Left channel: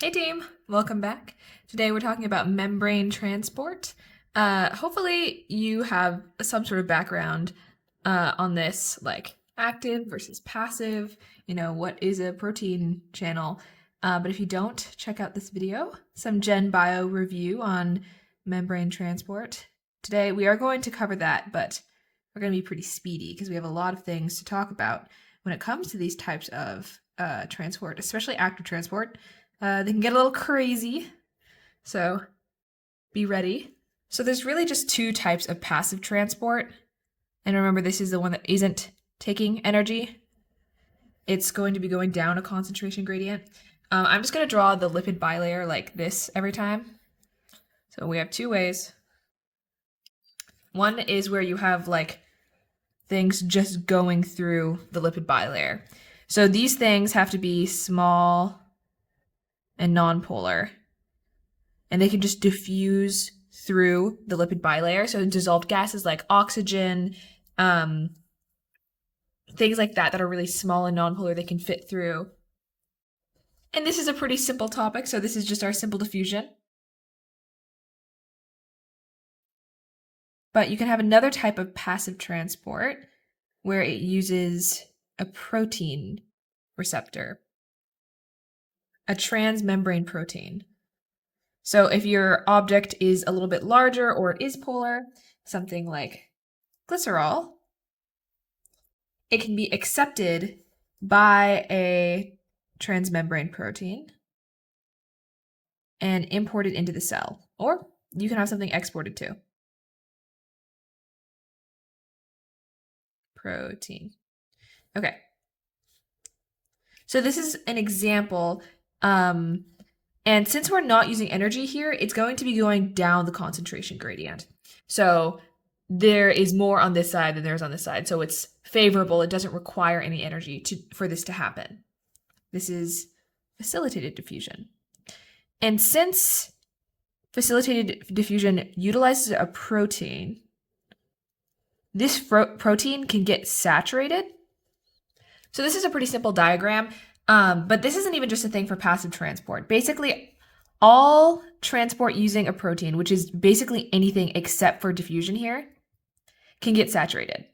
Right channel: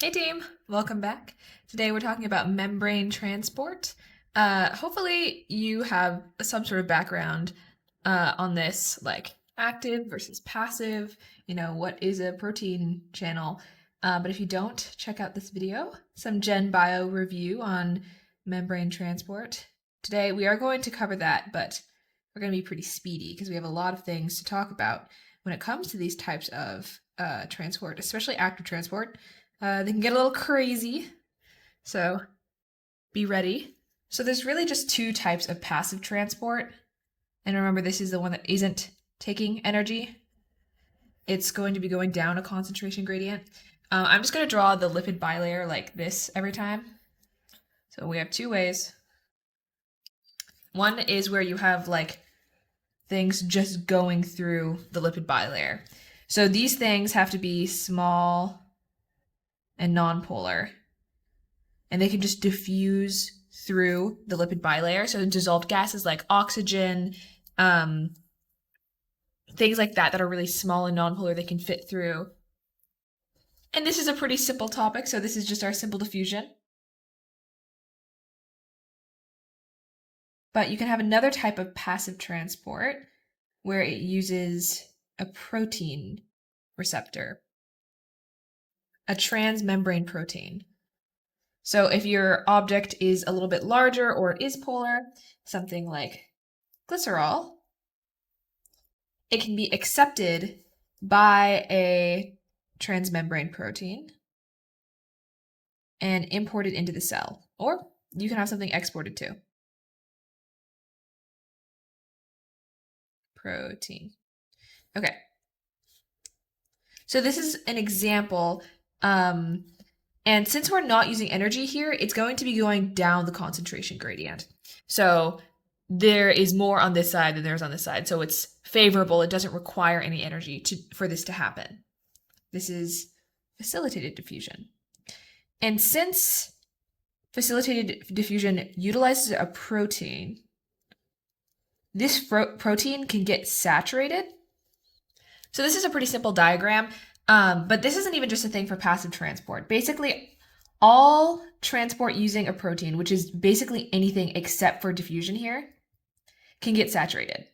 Hey team, welcome back. Today we're talking about membrane transport. Hopefully you have some sort of background on this, like active versus passive, what is a protein channel. But if you don't, check out this video, some Gen Bio review on membrane transport. Today we are going to cover that, but we're going to be pretty speedy because we have a lot of things to talk about when it comes to these types of transport, especially active transport. They can get a little crazy, so be ready. So there's really just two types of passive transport. And remember, this is the one that isn't taking energy. It's going to be going down a concentration gradient. I'm just going to draw the lipid bilayer like this every time. So we have two ways. One is where you have like things just going through the lipid bilayer. So these things have to be small and nonpolar, and they can just diffuse through the lipid bilayer. So dissolved gases like oxygen, things like that are really small and nonpolar, they can fit through. And this is a pretty simple topic, so this is just our simple diffusion. But you can have another type of passive transport where it uses a protein receptor, a transmembrane protein. So if your object is a little bit larger or it is polar, something like glycerol, it can be accepted by a transmembrane protein and imported into the cell. Or you can have something exported too. Protein. Okay. So this is an example. And since we're not using energy here, it's going to be going down the concentration gradient. So there is more on this side than there's on this side. So it's favorable. It doesn't require any energy for this to happen. This is facilitated diffusion. And since facilitated diffusion utilizes a protein, this protein can get saturated. So this is a pretty simple diagram, but this isn't even just a thing for passive transport. Basically, all transport using a protein, which is basically anything except for diffusion here, can get saturated.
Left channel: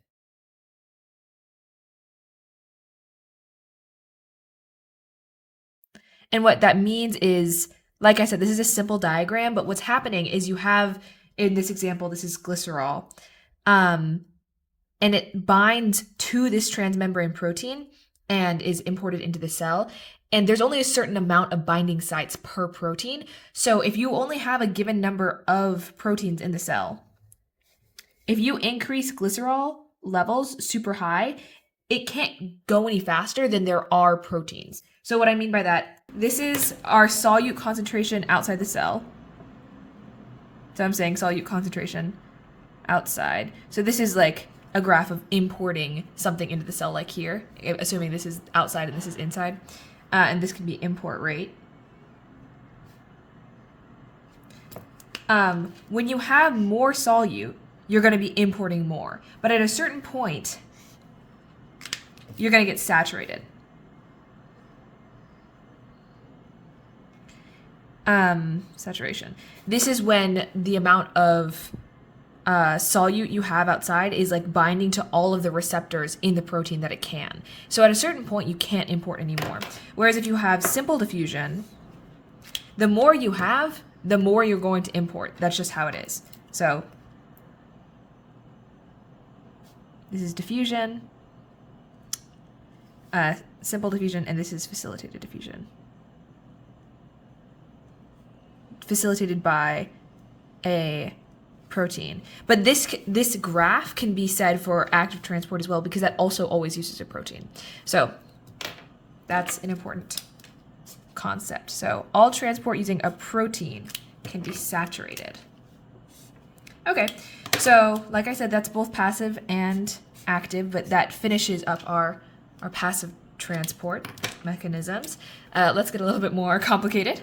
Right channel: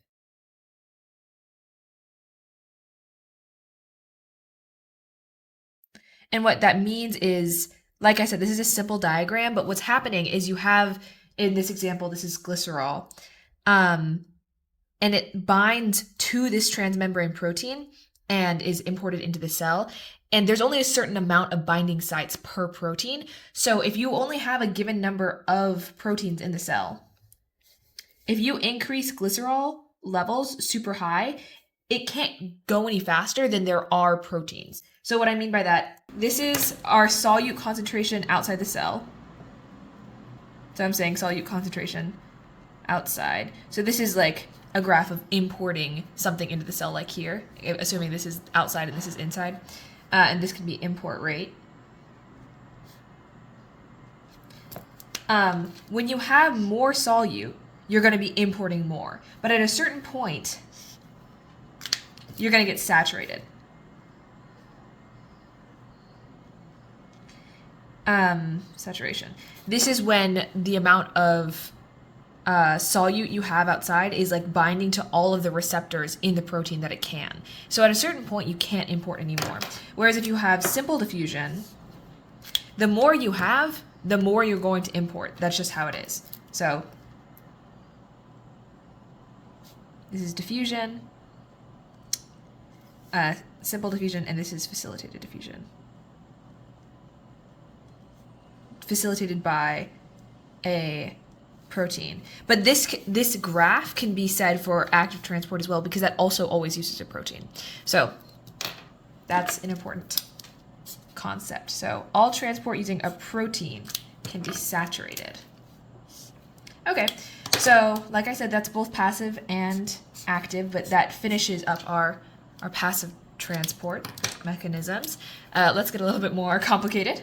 And what that means is, like I said, this is a simple diagram, but what's happening is you have, in this example, this is glycerol, and it binds to this transmembrane protein and is imported into the cell. And there's only a certain amount of binding sites per protein. So if you only have a given number of proteins in the cell, if you increase glycerol levels super high, it can't go any faster than there are proteins. So what I mean by that, this is our solute concentration outside the cell. So I'm saying solute concentration outside. So this is like a graph of importing something into the cell, like here, assuming this is outside and this is inside. And this can be import rate. When you have more solute, you're going to be importing more. But at a certain point, you're going to get saturated. Saturation. This is when the amount of solute you have outside is like binding to all of the receptors in the protein that it can. So at a certain point, you can't import anymore. Whereas if you have simple diffusion, the more you have, the more you're going to import. That's just how it is. So this is diffusion, simple diffusion, and this is facilitated diffusion. Facilitated by a protein. But this graph can be said for active transport as well, because that also always uses a protein. So that's an important concept. So all transport using a protein can be saturated. Okay, so like I said, that's both passive and active, but that finishes up our passive transport mechanisms. Let's get a little bit more complicated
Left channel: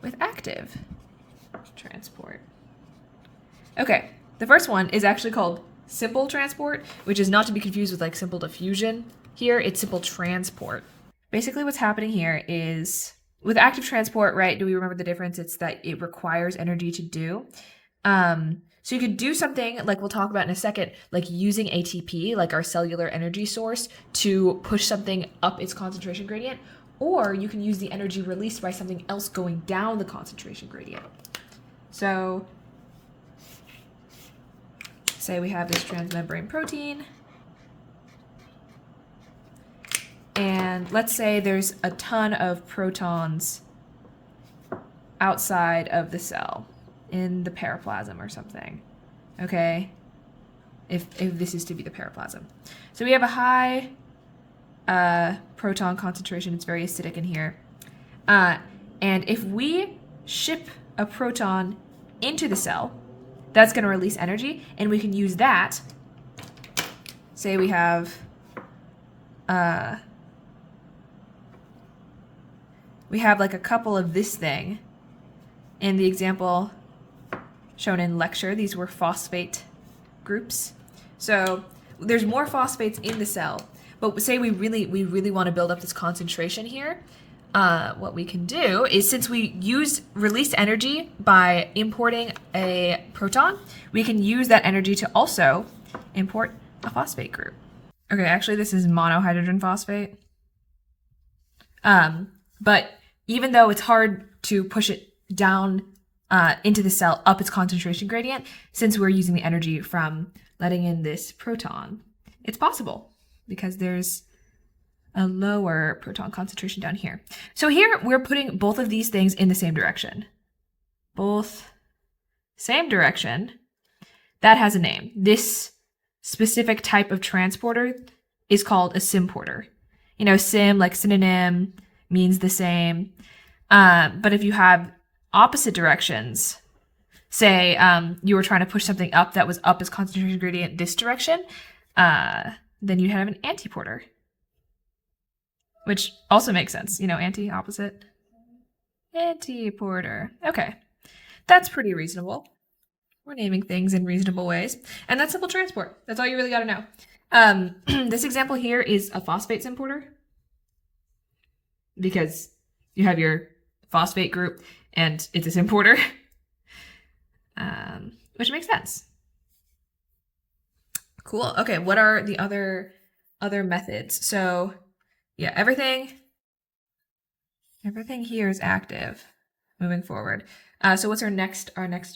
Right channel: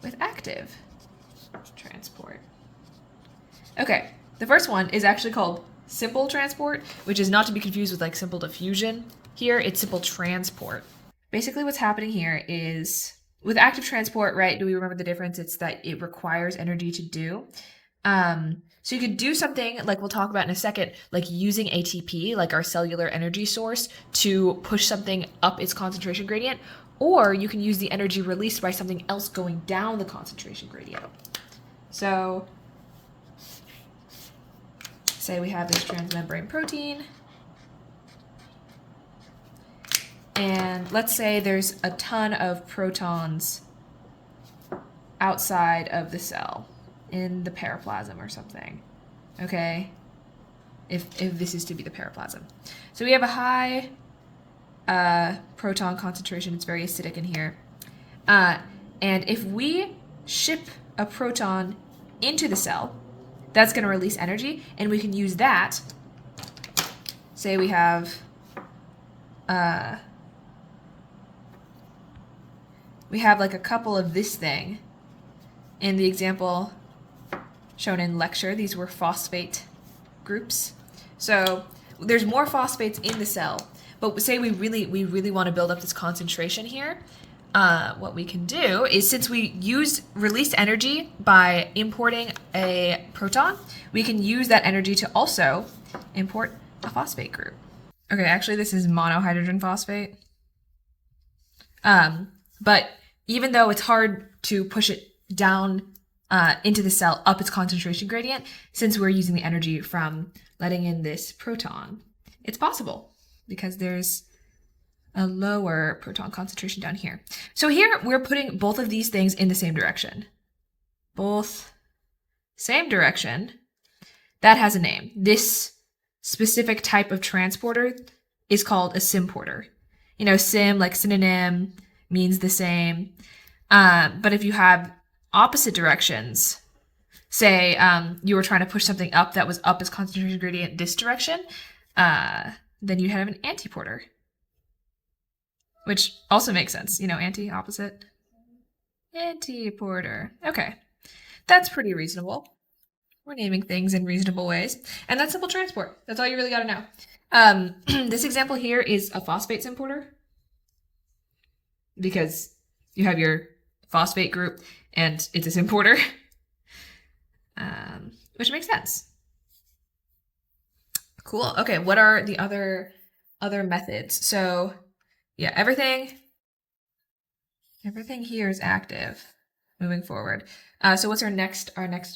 with active transport. Okay, the first one is actually called simple transport, which is not to be confused with like simple diffusion. Here, it's simple transport. Basically what's happening here is with active transport, right, do we remember the difference? It's that it requires energy to do. So you could do something like we'll talk about in a second, like using ATP, like our cellular energy source, to push something up its concentration gradient, or you can use the energy released by something else going down the concentration gradient. So say we have this transmembrane protein, and let's say there's a ton of protons outside of the cell in the periplasm or something, okay? If this is to be the periplasm. So we have a high proton concentration. It's very acidic in here. And if we ship a proton into the cell, that's going to release energy, and we can use that. Say we have like a couple of this thing. In the example shown in lecture, these were phosphate groups. So there's more phosphates in the cell, but say we really want to build up this concentration here. What we can do is, since we released energy by importing a proton, we can use that energy to also import a phosphate group. Okay, actually this is monohydrogen phosphate. But even though it's hard to push it down into the cell up its concentration gradient, since we're using the energy from letting in this proton, it's possible because there's a lower proton concentration down here. So here we're putting both of these things in the same direction. Both same direction. That has a name. This specific type of transporter is called a symporter. You know, sim, like synonym, means the same. But if you have opposite directions, say you were trying to push something up that was up its concentration gradient this direction, then you'd have an antiporter. Which also makes sense, you know, anti, opposite. Antiporter. Okay, that's pretty reasonable. We're naming things in reasonable ways. And that's simple transport. That's all you really got to know. This example here is a phosphate symporter, because you have your phosphate group and it's a symporter, which makes sense. Cool. Okay, what are the other methods? So yeah, everything here is active moving forward. So what's our next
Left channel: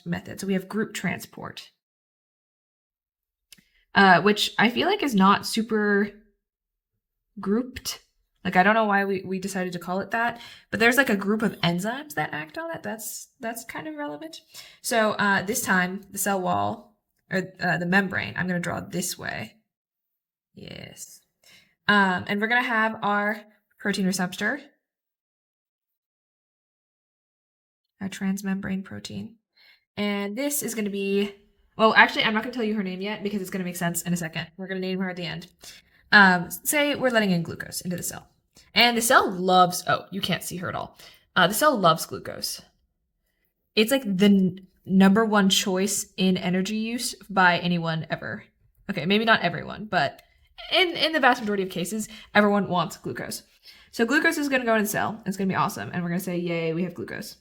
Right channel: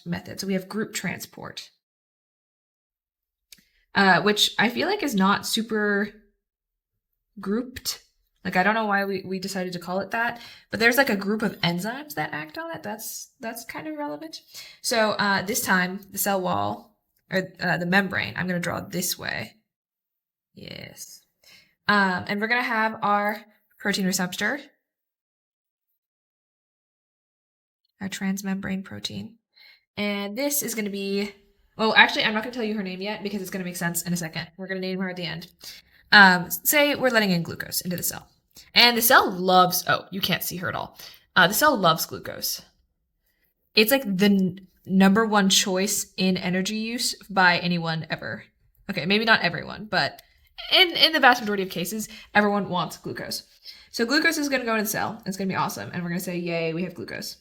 method? So we have group transport, which I feel like is not super grouped. Like, I don't know why we decided to call it that, but there's like a group of enzymes that act on it. That's kind of relevant. So this time, the cell wall, or the membrane, I'm going to draw this way. Yes. And we're going to have our protein receptor, our transmembrane protein. And this is going to be, well, actually, I'm not going to tell you her name yet because it's going to make sense in a second. We're going to name her at the end. Say we're letting in glucose into the cell. And the cell loves, oh, you can't see her at all. The cell loves glucose. It's like the number one choice in energy use by anyone ever. Okay, maybe not everyone, but in the vast majority of cases, everyone wants glucose. So glucose is going to go into the cell. It's going to be awesome. And we're going to say, yay, we have glucose.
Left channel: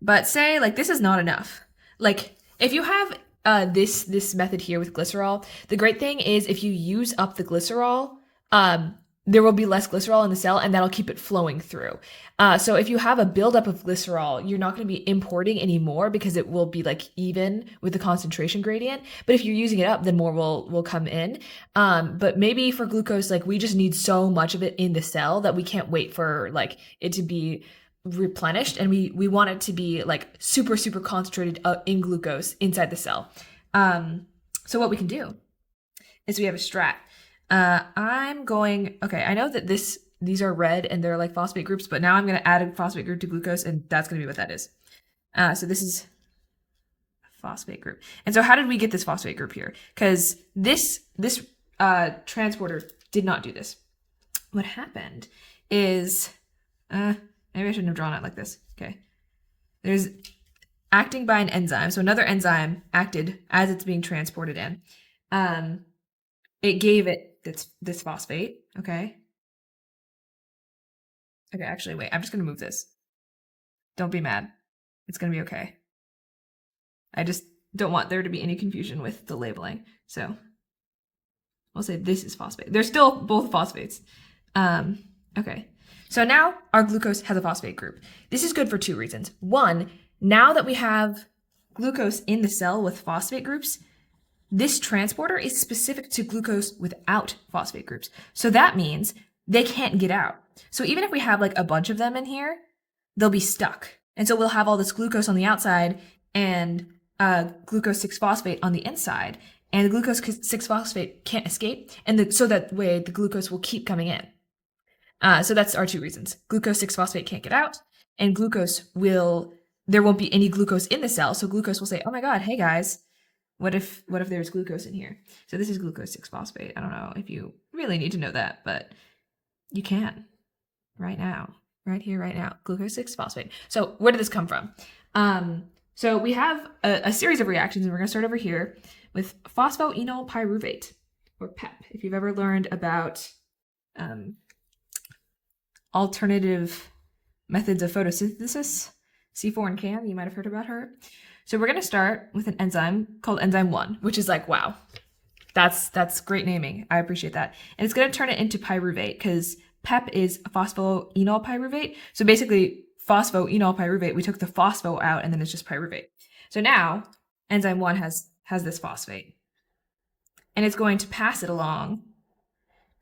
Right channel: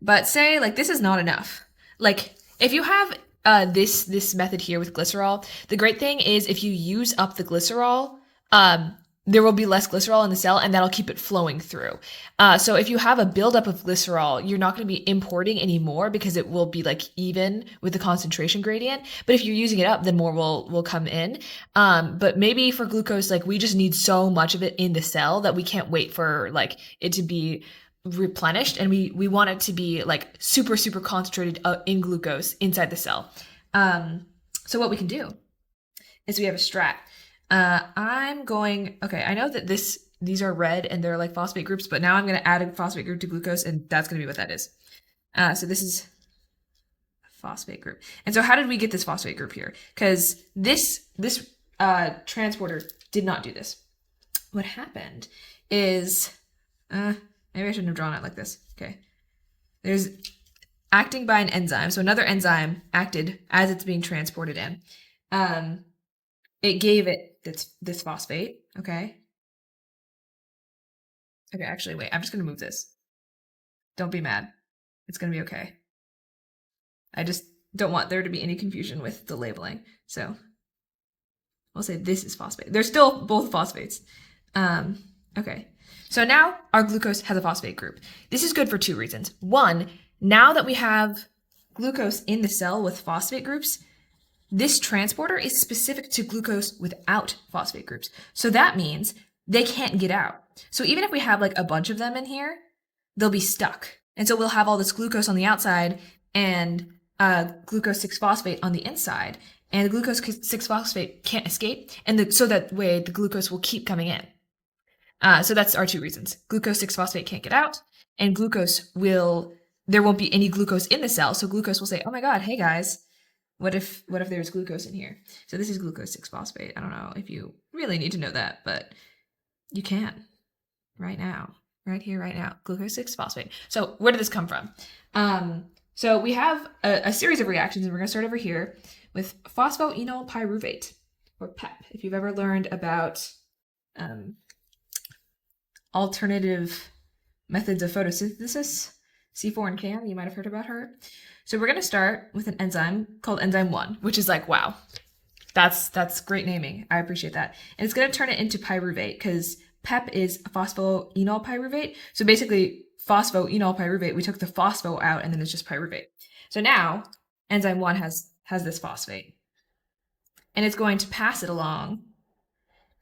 But say, like, this is not enough. Like, if you have this method here with glycerol, the great thing is if you use up the glycerol, there will be less glycerol in the cell, and that'll keep it flowing through. So if you have a buildup of glycerol, you're not going to be importing any more because it will be like even with the concentration gradient. But if you're using it up, then more will come in. But maybe for glucose, like, we just need so much of it in the cell that we can't wait for like it to be replenished, and we want it to be like super concentrated in glucose inside the cell. So what we can do is we have a strat. Okay, I know that these are red and they're like phosphate groups, but now I'm going to add a phosphate group to glucose, and that's going to be what that is. So this is a phosphate group. And so how did we get this phosphate group here? Because this transporter did not do this. What happened is, maybe I shouldn't have drawn it like this. Okay. There's acting by an enzyme. So another enzyme acted as it's being transported in. It gave it this phosphate, okay? Okay, actually, wait, I'm just going to move this. Don't be mad. It's going to be okay. I just don't want there to be any confusion with the labeling. So I'll say this is phosphate. They're still both phosphates. Okay. So now our glucose has a phosphate group. This is good for two reasons. One, now that we have glucose in the cell with phosphate groups, this transporter is specific to glucose without phosphate groups. So that means they can't get out. So even if we have like a bunch of them in here, they'll be stuck. And so we'll have all this glucose on the outside and glucose 6-phosphate on the inside. And the glucose 6-phosphate can't escape. And so that way the glucose will keep coming in. So that's our two reasons. Glucose 6-phosphate can't get out, and there won't be any glucose in the cell. So glucose will say, oh my God, hey guys, what if there's glucose in here? So this is glucose 6-phosphate. I don't know if you really need to know that, but you can right now, right here, right now, glucose 6-phosphate. So where did this come from? So we have a series of reactions, and we're going to start over here with phosphoenol pyruvate, or PEP. If you've ever learned about alternative methods of photosynthesis, C4 and CAM, you might have heard about her. So we're going to start with an enzyme called enzyme 1, which is like, wow, that's great naming. I appreciate that. And it's going to turn it into pyruvate because PEP is phosphoenol pyruvate. So basically, phosphoenol pyruvate, we took the phospho out and then it's just pyruvate. So now enzyme 1 has this phosphate. And it's going to pass it along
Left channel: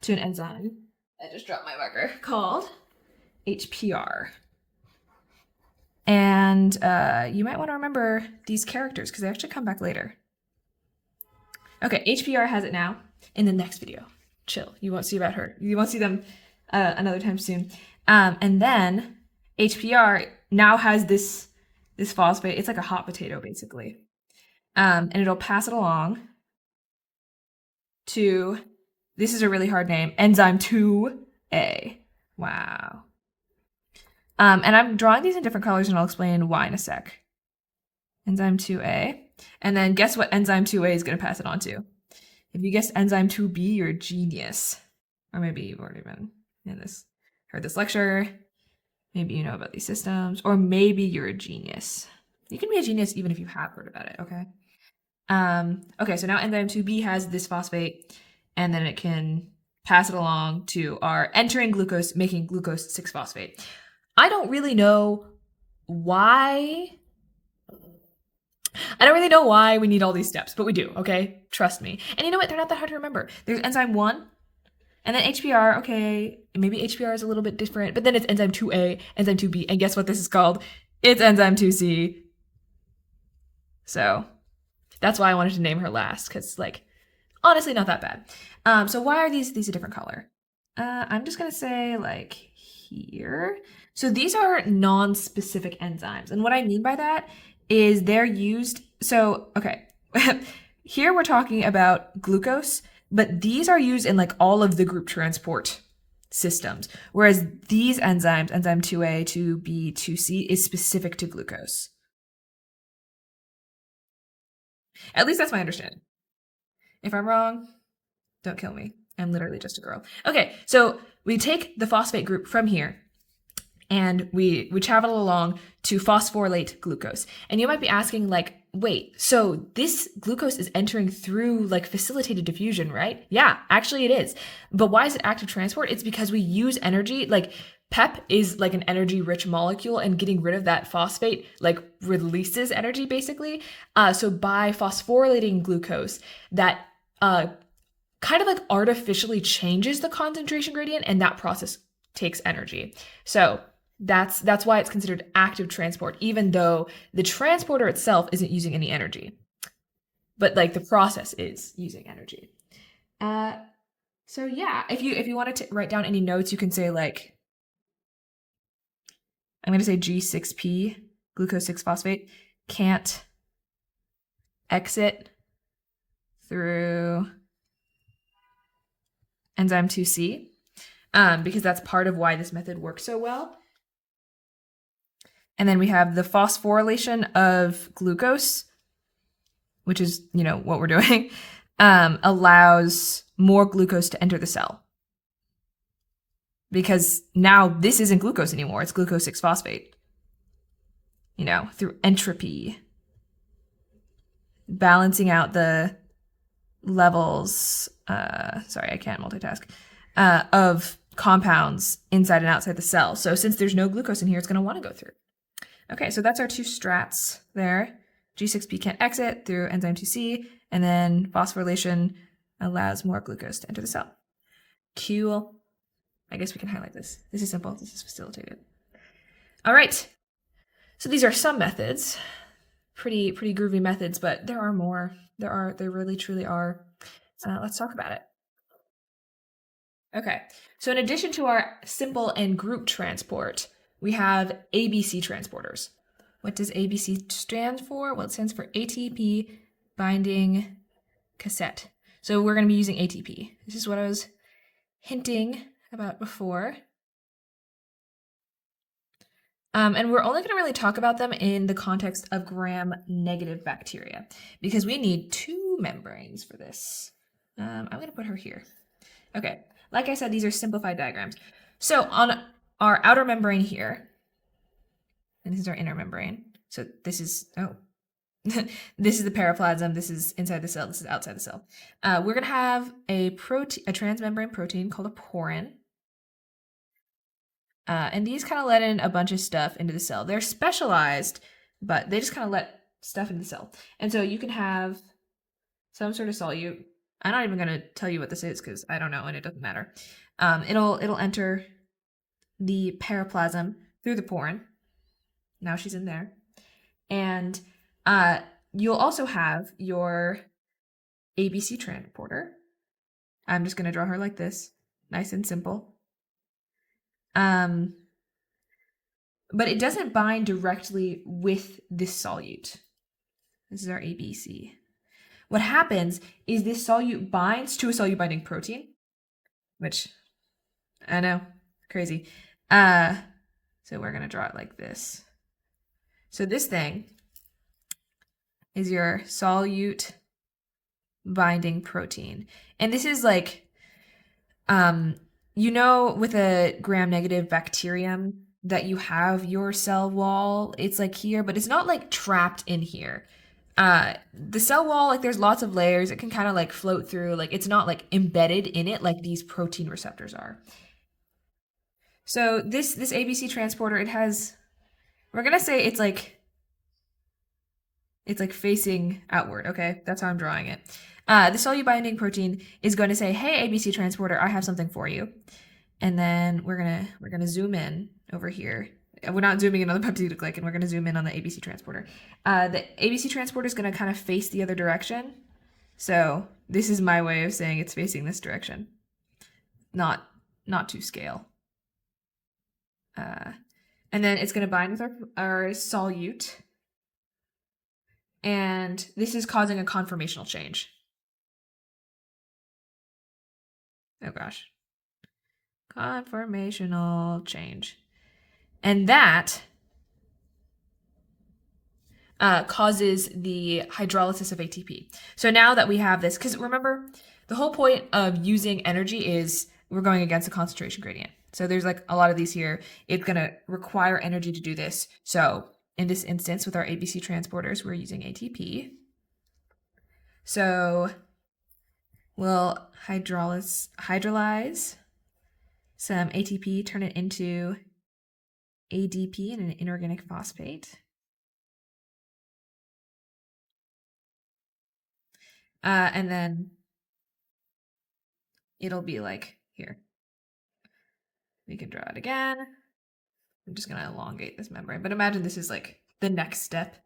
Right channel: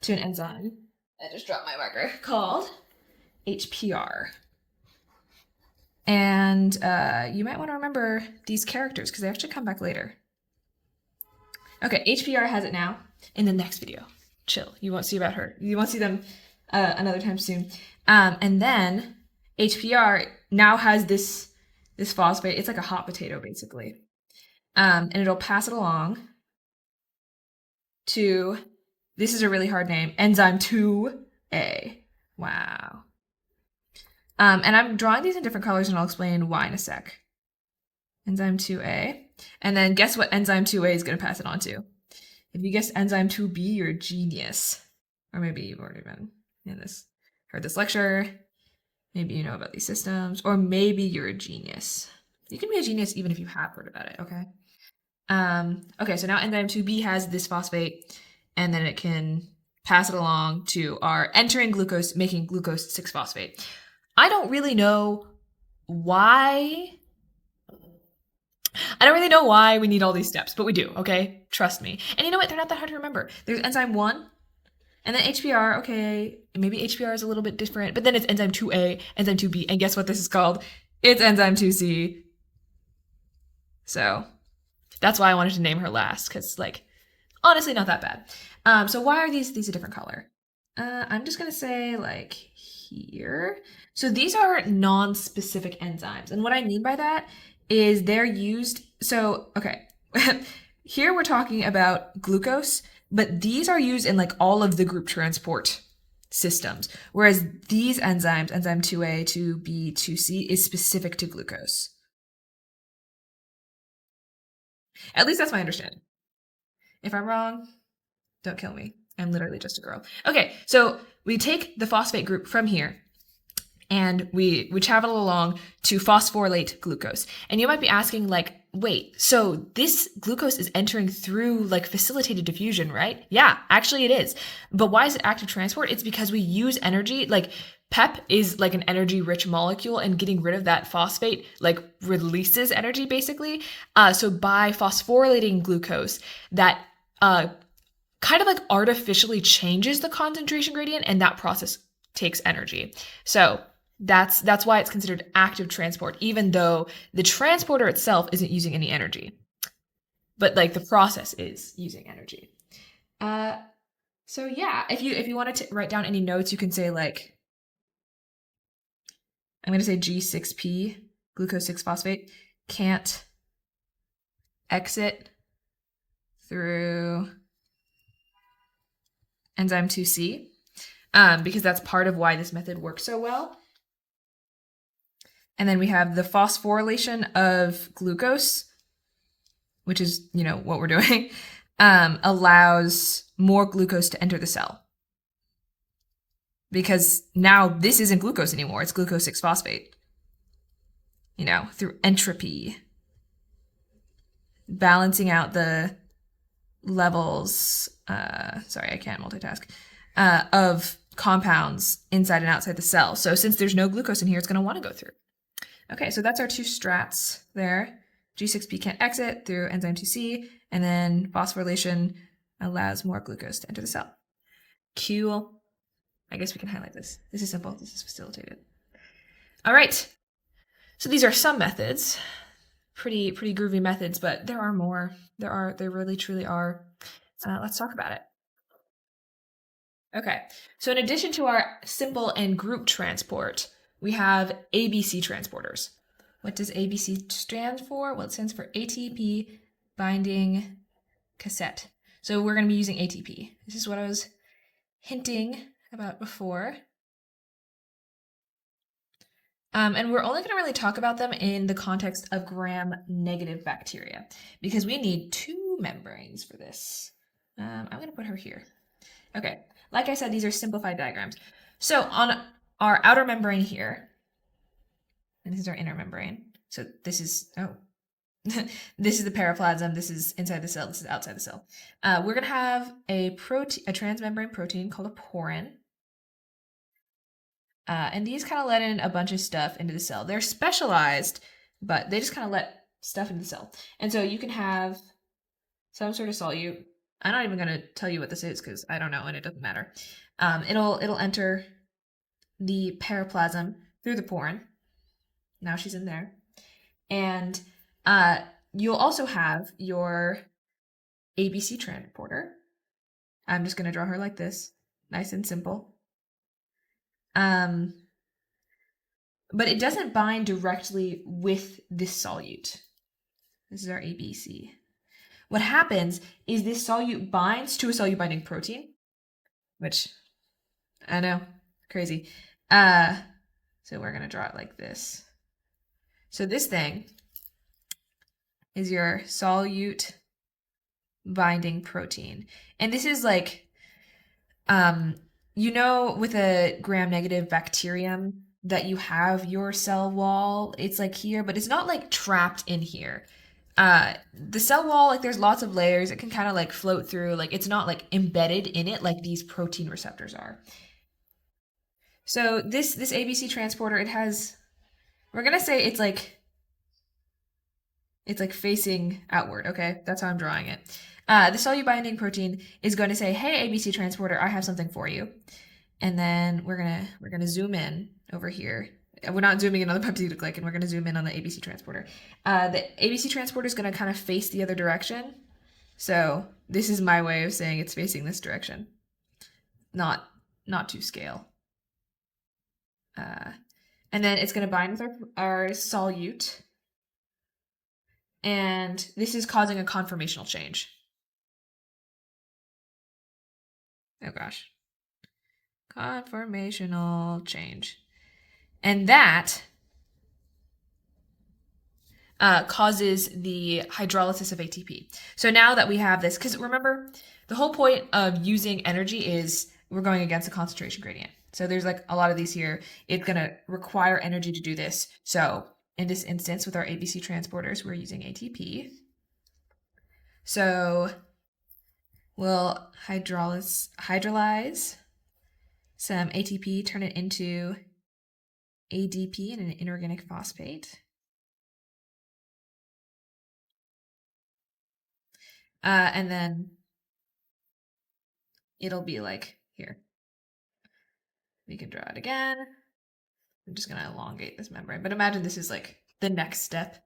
to an enzyme. I just dropped my marker, called HPR. And you might want to remember these characters because they actually come back later. Okay, HPR has it now in the next video. Chill, you won't see about her. You won't see them another time soon. And then HPR now has this phosphate. It's like a hot potato, basically. And it'll pass it along to, this is a really hard name, enzyme 2A. Wow. And I'm drawing these in different colors, and I'll explain why in a sec. Enzyme 2A. And then guess what enzyme 2A is going to pass it on to? If you guessed enzyme 2B, you're a genius. Or maybe you've already been heard this lecture. Maybe you know about these systems. Or maybe you're a genius. You can be a genius even if you have heard about it, okay? Okay, so now enzyme 2B has this phosphate, and then it can pass it along to our entering glucose, making glucose 6-phosphate. I don't really know why we need all these steps, but we do, okay? Trust me. And you know what? They're not that hard to remember. There's enzyme 1, and then HPR, okay, maybe HPR is a little bit different, but then it's enzyme 2A, enzyme 2B, and guess what this is called? It's enzyme 2C. So that's why I wanted to name her last, because, like, honestly, not that bad. So why are these a different color? I'm just going to say, like, here. So these are non-specific enzymes. And what I mean by that is they're used, so, okay, here we're talking about glucose, but these are used in like all of the group transport systems. Whereas these enzymes, enzyme 2A, 2B, 2C, is specific to glucose. At least that's my understanding. If I'm wrong, don't kill me. I'm literally just a girl. Okay, so we take the phosphate group from here, and we travel along to phosphorylate glucose. And you might be asking, like, wait, so this glucose is entering through, like, facilitated diffusion, right? Yeah, actually it is. But why is it active transport? It's because we use energy, like, PEP is like an energy-rich molecule, and getting rid of that phosphate, like, releases energy, basically. So by phosphorylating glucose, that kind of like artificially changes the concentration gradient, and that process takes energy. So that's why it's considered active transport, even though the transporter itself isn't using any energy. But like the process is using energy. So yeah, if you wanted to write down any notes, you can say, like, I'm going to say G6P, glucose 6-phosphate, can't exit through enzyme 2C, because that's part of why this method works so well. And then we have the phosphorylation of glucose, which is, you know, what we're doing, allows more glucose to enter the cell. because now this isn't glucose anymore. It's glucose 6-phosphate, through entropy, balancing out the levels, sorry, I can't multitask, of compounds inside and outside the cell. So since there's no glucose in here, it's going to want to go through. Okay, so that's our two strats there. G6P can't exit through enzyme 2C, and then phosphorylation allows more glucose to enter the cell. Cool. I guess we can highlight this. This is simple. This is facilitated. All right. So these are some methods. Pretty groovy methods, but there are more. There really truly are. Let's talk about it. Okay. So in addition to our simple and group transport, we have ABC transporters. What does ABC stand for? Well, it stands for ATP binding cassette. So we're going to be using ATP. This is what I was hinting about before. And we're only going to really talk about them in the context of gram-negative bacteria because we need two membranes for this. I'm going to put her here. Okay, like I said, these are simplified diagrams. So on our outer membrane here, and this is our inner membrane. So this is, this is the periplasm, this is inside the cell, this is outside the cell. We're going to have a transmembrane protein called a porin. And these kind of let in a bunch of stuff into the cell. They're specialized, but they just kind of let stuff into the cell. And so you can have some sort of solute. I'm not even going to tell you what this is because I don't know and it doesn't matter. It'll enter the periplasm through the porin. Now she's in there. And you'll also have your ABC transporter. I'm just going to draw her like this. Nice and simple. But it doesn't bind directly with this solute. This is our ABC. What happens is this solute binds to a solute binding protein, which I know, crazy. So we're going to draw it like this. So this thing is your solute binding protein. And this is like, with a gram-negative bacterium that you have your cell wall, it's like here, but it's not like trapped in here. The cell wall, like there's lots of layers. It can kind of like float through, like it's not like embedded in it like these protein receptors are. So this ABC transporter, it has, we're gonna say it's like facing outward, okay? That's how I'm drawing it. The solute binding protein is going to say, hey, ABC transporter, I have something for you. And then we're gonna zoom in over here. We're not zooming in on the peptidoglycan. We're gonna zoom in on the ABC transporter. The ABC transporter is gonna kind of face the other direction. So this is my way of saying it's facing this direction. Not to scale. And then it's gonna bind with our solute. And this is causing a conformational change. Oh gosh. Conformational change. And that causes the hydrolysis of ATP. So now that we have this, because remember, the whole point of using energy is we're going against a concentration gradient. So there's like a lot of these here. It's going to require energy to do this. So in this instance, with our ABC transporters, we're using ATP. So we'll hydrolyze some ATP, turn it into ADP and an inorganic phosphate. And then it'll be like here. We can draw it again. I'm just going to elongate this membrane, but imagine this is like the next step.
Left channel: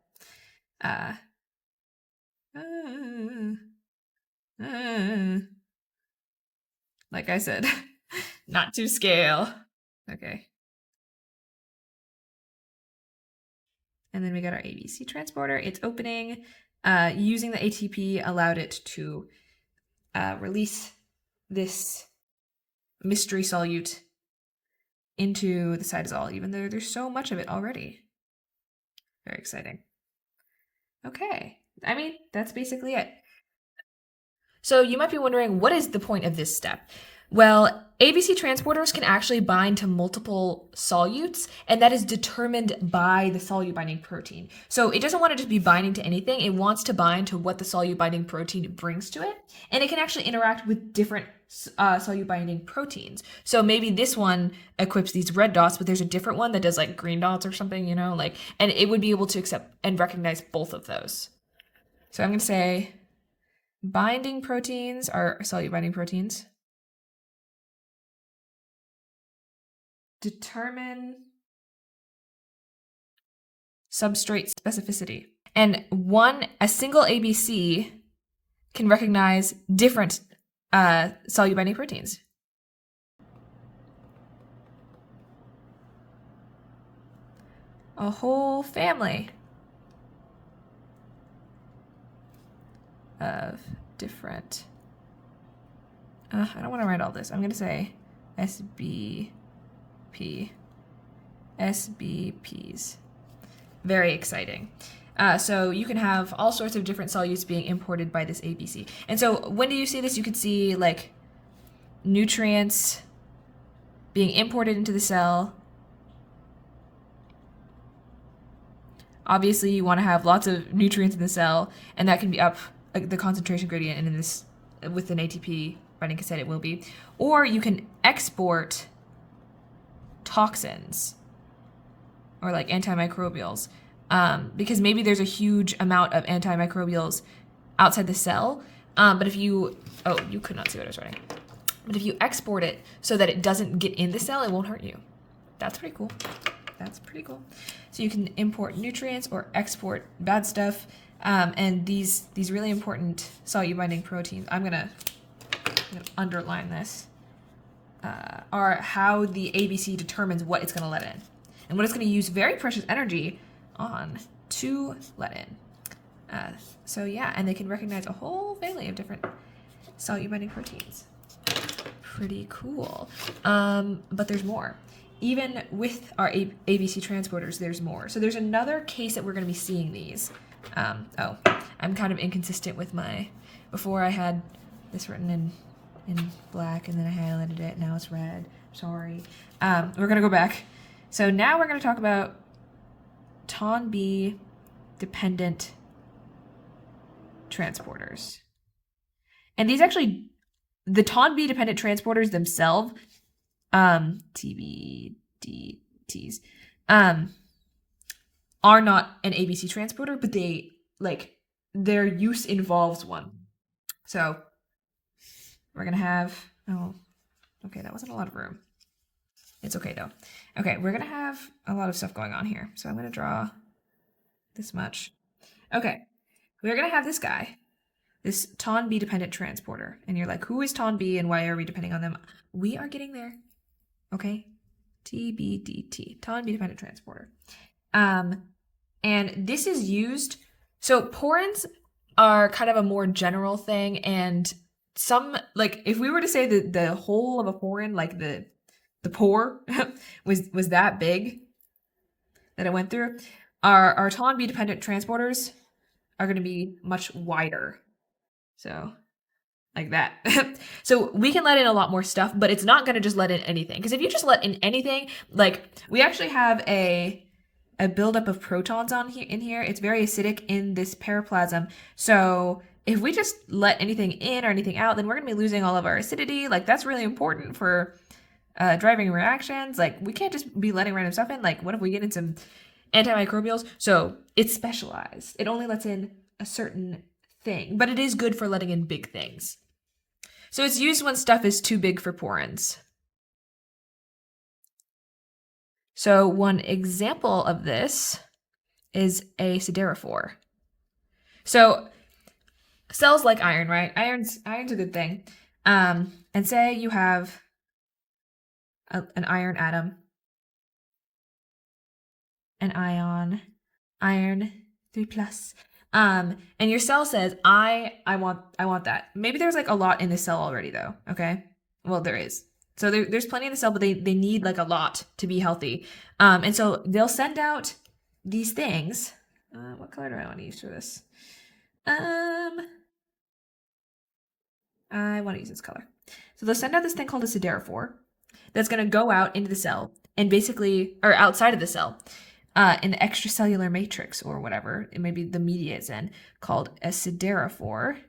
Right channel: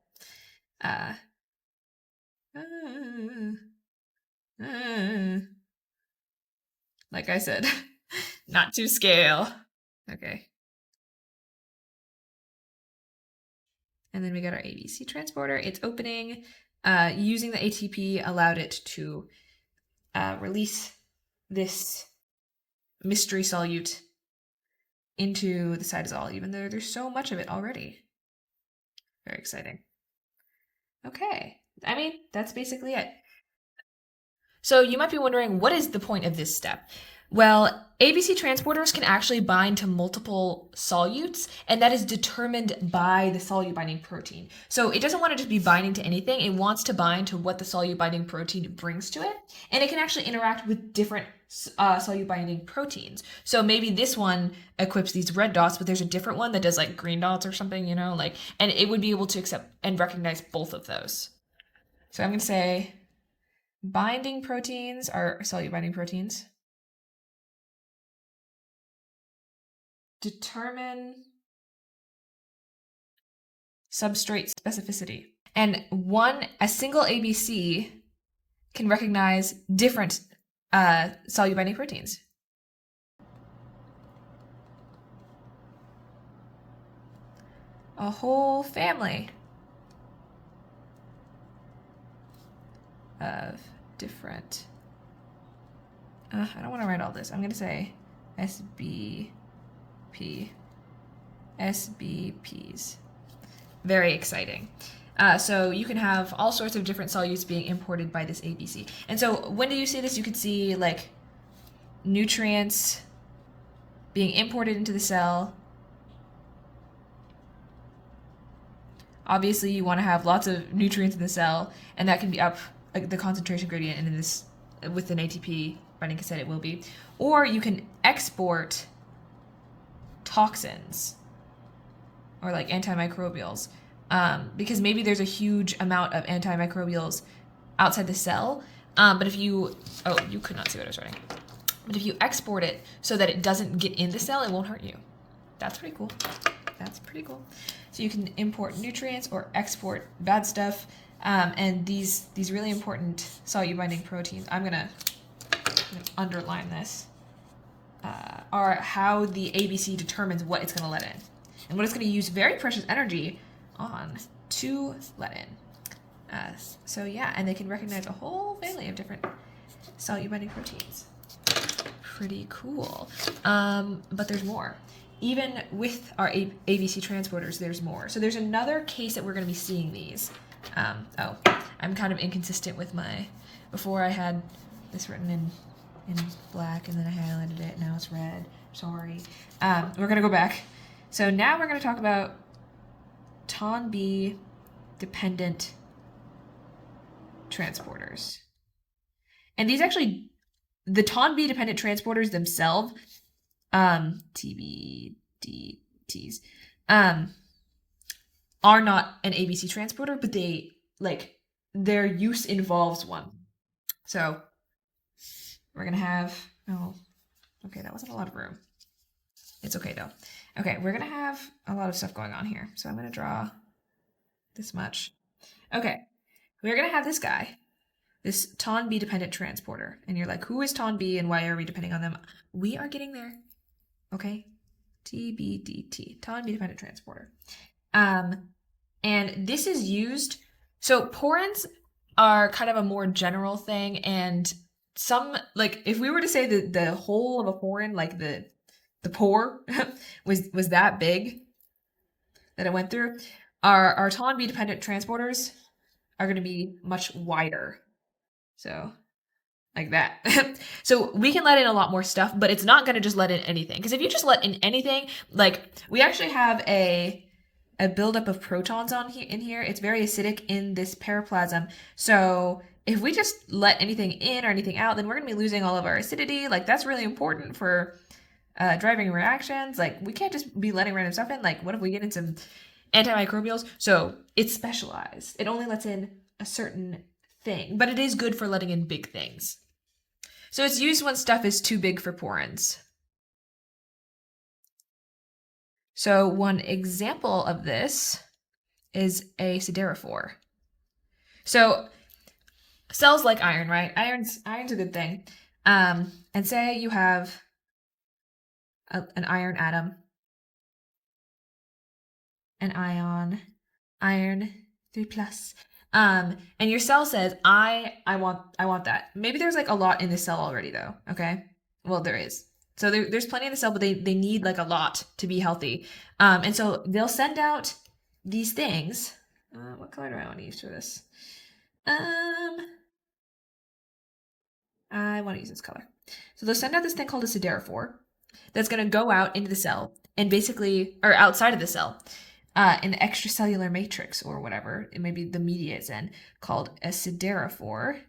Like I said, not to scale. Okay. And then we got our ABC transporter. It's opening. Using the ATP allowed it to release this mystery solute into the cytosol, even though there's so much of it already. Very exciting. Okay, I mean, that's basically it. So you might be wondering, what is the point of this step? Well, ABC transporters can actually bind to multiple solutes, and that is determined by the solute binding protein. So it doesn't want to just be binding to anything, it wants to bind to what the solute binding protein brings to it, and it can actually interact with different solute binding proteins. So maybe this one equips these red dots, but there's a different one that does like green dots or something, you know, like, and it would be able to accept and recognize both of those. So I'm going to say binding proteins are solute binding proteins. Determine substrate specificity. And a single ABC can recognize different solute binding proteins. A whole family of different, I don't want to write all this. I'm going to say SBPs. Very exciting. So you can have all sorts of different solutes being imported by this ABC. And so when do you see this? You could see like nutrients being imported into the cell. Obviously, you want to have lots of nutrients in the cell, and that can be up like the concentration gradient, and in this with an ATP binding cassette it will be. Or you can export toxins or like antimicrobials, because maybe there's a huge amount of antimicrobials outside the cell. But if you could not see what I was writing. But if you export it so that it doesn't get in the cell, it won't hurt you. That's pretty cool. That's pretty cool. So you can import nutrients or export bad stuff. And these really important solute binding proteins, I'm gonna underline this, are how the ABC determines what it's gonna let in and what it's gonna use very precious energy on to let in. So yeah, and they can recognize a whole family of different solute binding proteins. Pretty cool. But there's more. Even with our ABC transporters, there's more. So there's another case that we're going to be seeing these. I'm kind of inconsistent with before I had this written in black and then I highlighted it. Now it's red. Sorry. We're going to go back. So now we're going to talk about TON-B dependent transporters. And these actually, the TON-B dependent transporters themselves, TBDTs, are not an ABC transporter, but their use involves one. So we're gonna have, okay, that wasn't a lot of room. It's okay though. Okay, we're gonna have a lot of stuff going on here. So I'm gonna draw this much. Okay, we're gonna have this guy, this TON-B dependent transporter. And you're like, who is TON-B and why are we depending on them? We are getting there. Okay, TBDT, TON-B dependent transporter. And this is used, so porins are kind of a more general thing, and some, like if we were to say that the whole of a porin, like the pore was that big that it went through, our TON-B dependent transporters are going to be much wider. So like that. So we can let in a lot more stuff, but it's not going to just let in anything. Because if you just let in anything, like we actually have a buildup of protons in here. It's very acidic in this paraplasm. So if we just let anything in or anything out, then we're going to be losing all of our acidity. Like that's really important for driving reactions. Like we can't just be letting random stuff in. Like what if we get in some antimicrobials? So it's specialized. It only lets in a certain thing, but it is good for letting in big things. So it's used when stuff is too big for porins. So one example of this is a siderophore. So cells like iron, right? Iron's a good thing. And say you have an iron atom, an ion, iron 3+. And your cell says, I want that. Maybe there's like a lot in the cell already though, okay? Well, there is. So there's plenty in the cell, but they need like a lot to be healthy. And so they'll send out these things. What color do I want to use for this? I want to use this color. So they'll send out this thing called a siderophore that's going to go out into the cell and basically, or outside of the cell, in the extracellular matrix or whatever, it may be the media it's in, called a siderophore.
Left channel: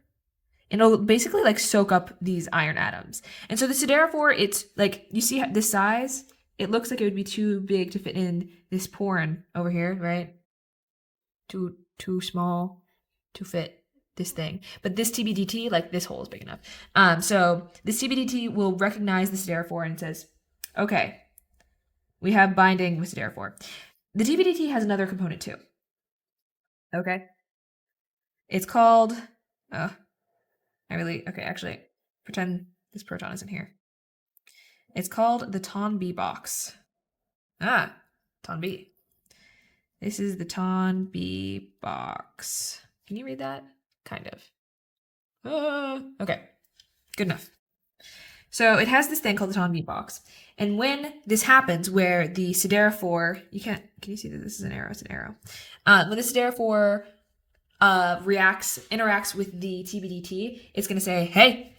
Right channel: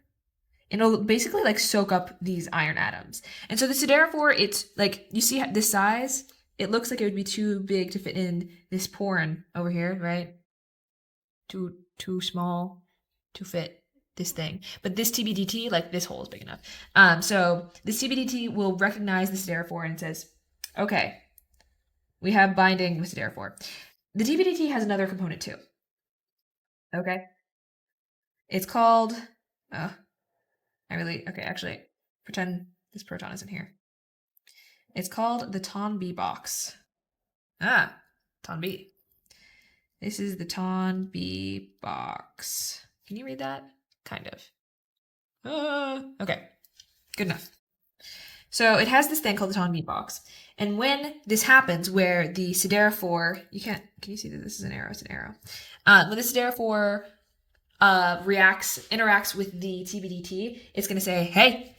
And it'll basically like soak up these iron atoms. And so the siderophore, it's like, you see the size, it looks like it would be too big to fit in this porin over here, right? Too small to fit this thing. But this TBDT, like this hole is big enough. So this TBDT will recognize the siderophore and says, okay, we have binding with siderophore. The TBDT has another component too. Okay. It's called, actually, pretend this proton isn't here. It's called the TON-B box. TON-B. This is the TON-B box. Can you read that? Kind of. Okay, good enough. So it has this thing called the TON-B box. And when this happens, where the siderophore, can you see that this is an arrow? It's an arrow. When the siderophore interacts with the TBDT, it's going to say, hey,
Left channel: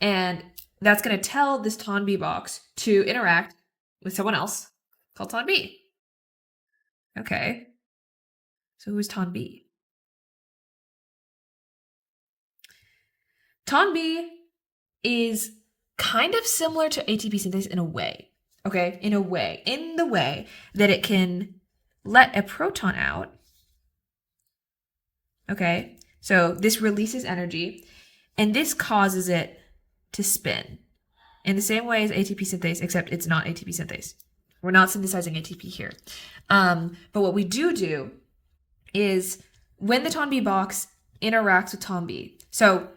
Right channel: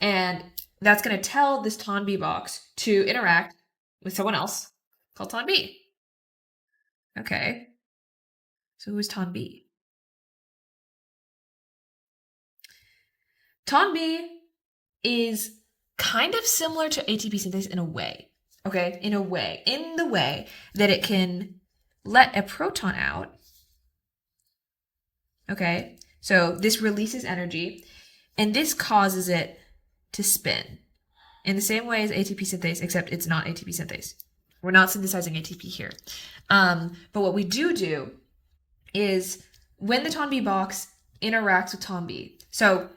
and that's going to tell this TON-B box to interact with someone else called TON-B. Okay, so who's TON-B? TON-B is kind of similar to ATP synthase in a way, okay? In the way that it can let a proton out, okay? So this releases energy, and this causes it to spin in the same way as ATP synthase, except it's not ATP synthase. We're not synthesizing ATP here. But what we do is when the TON-B box interacts with TON-B, so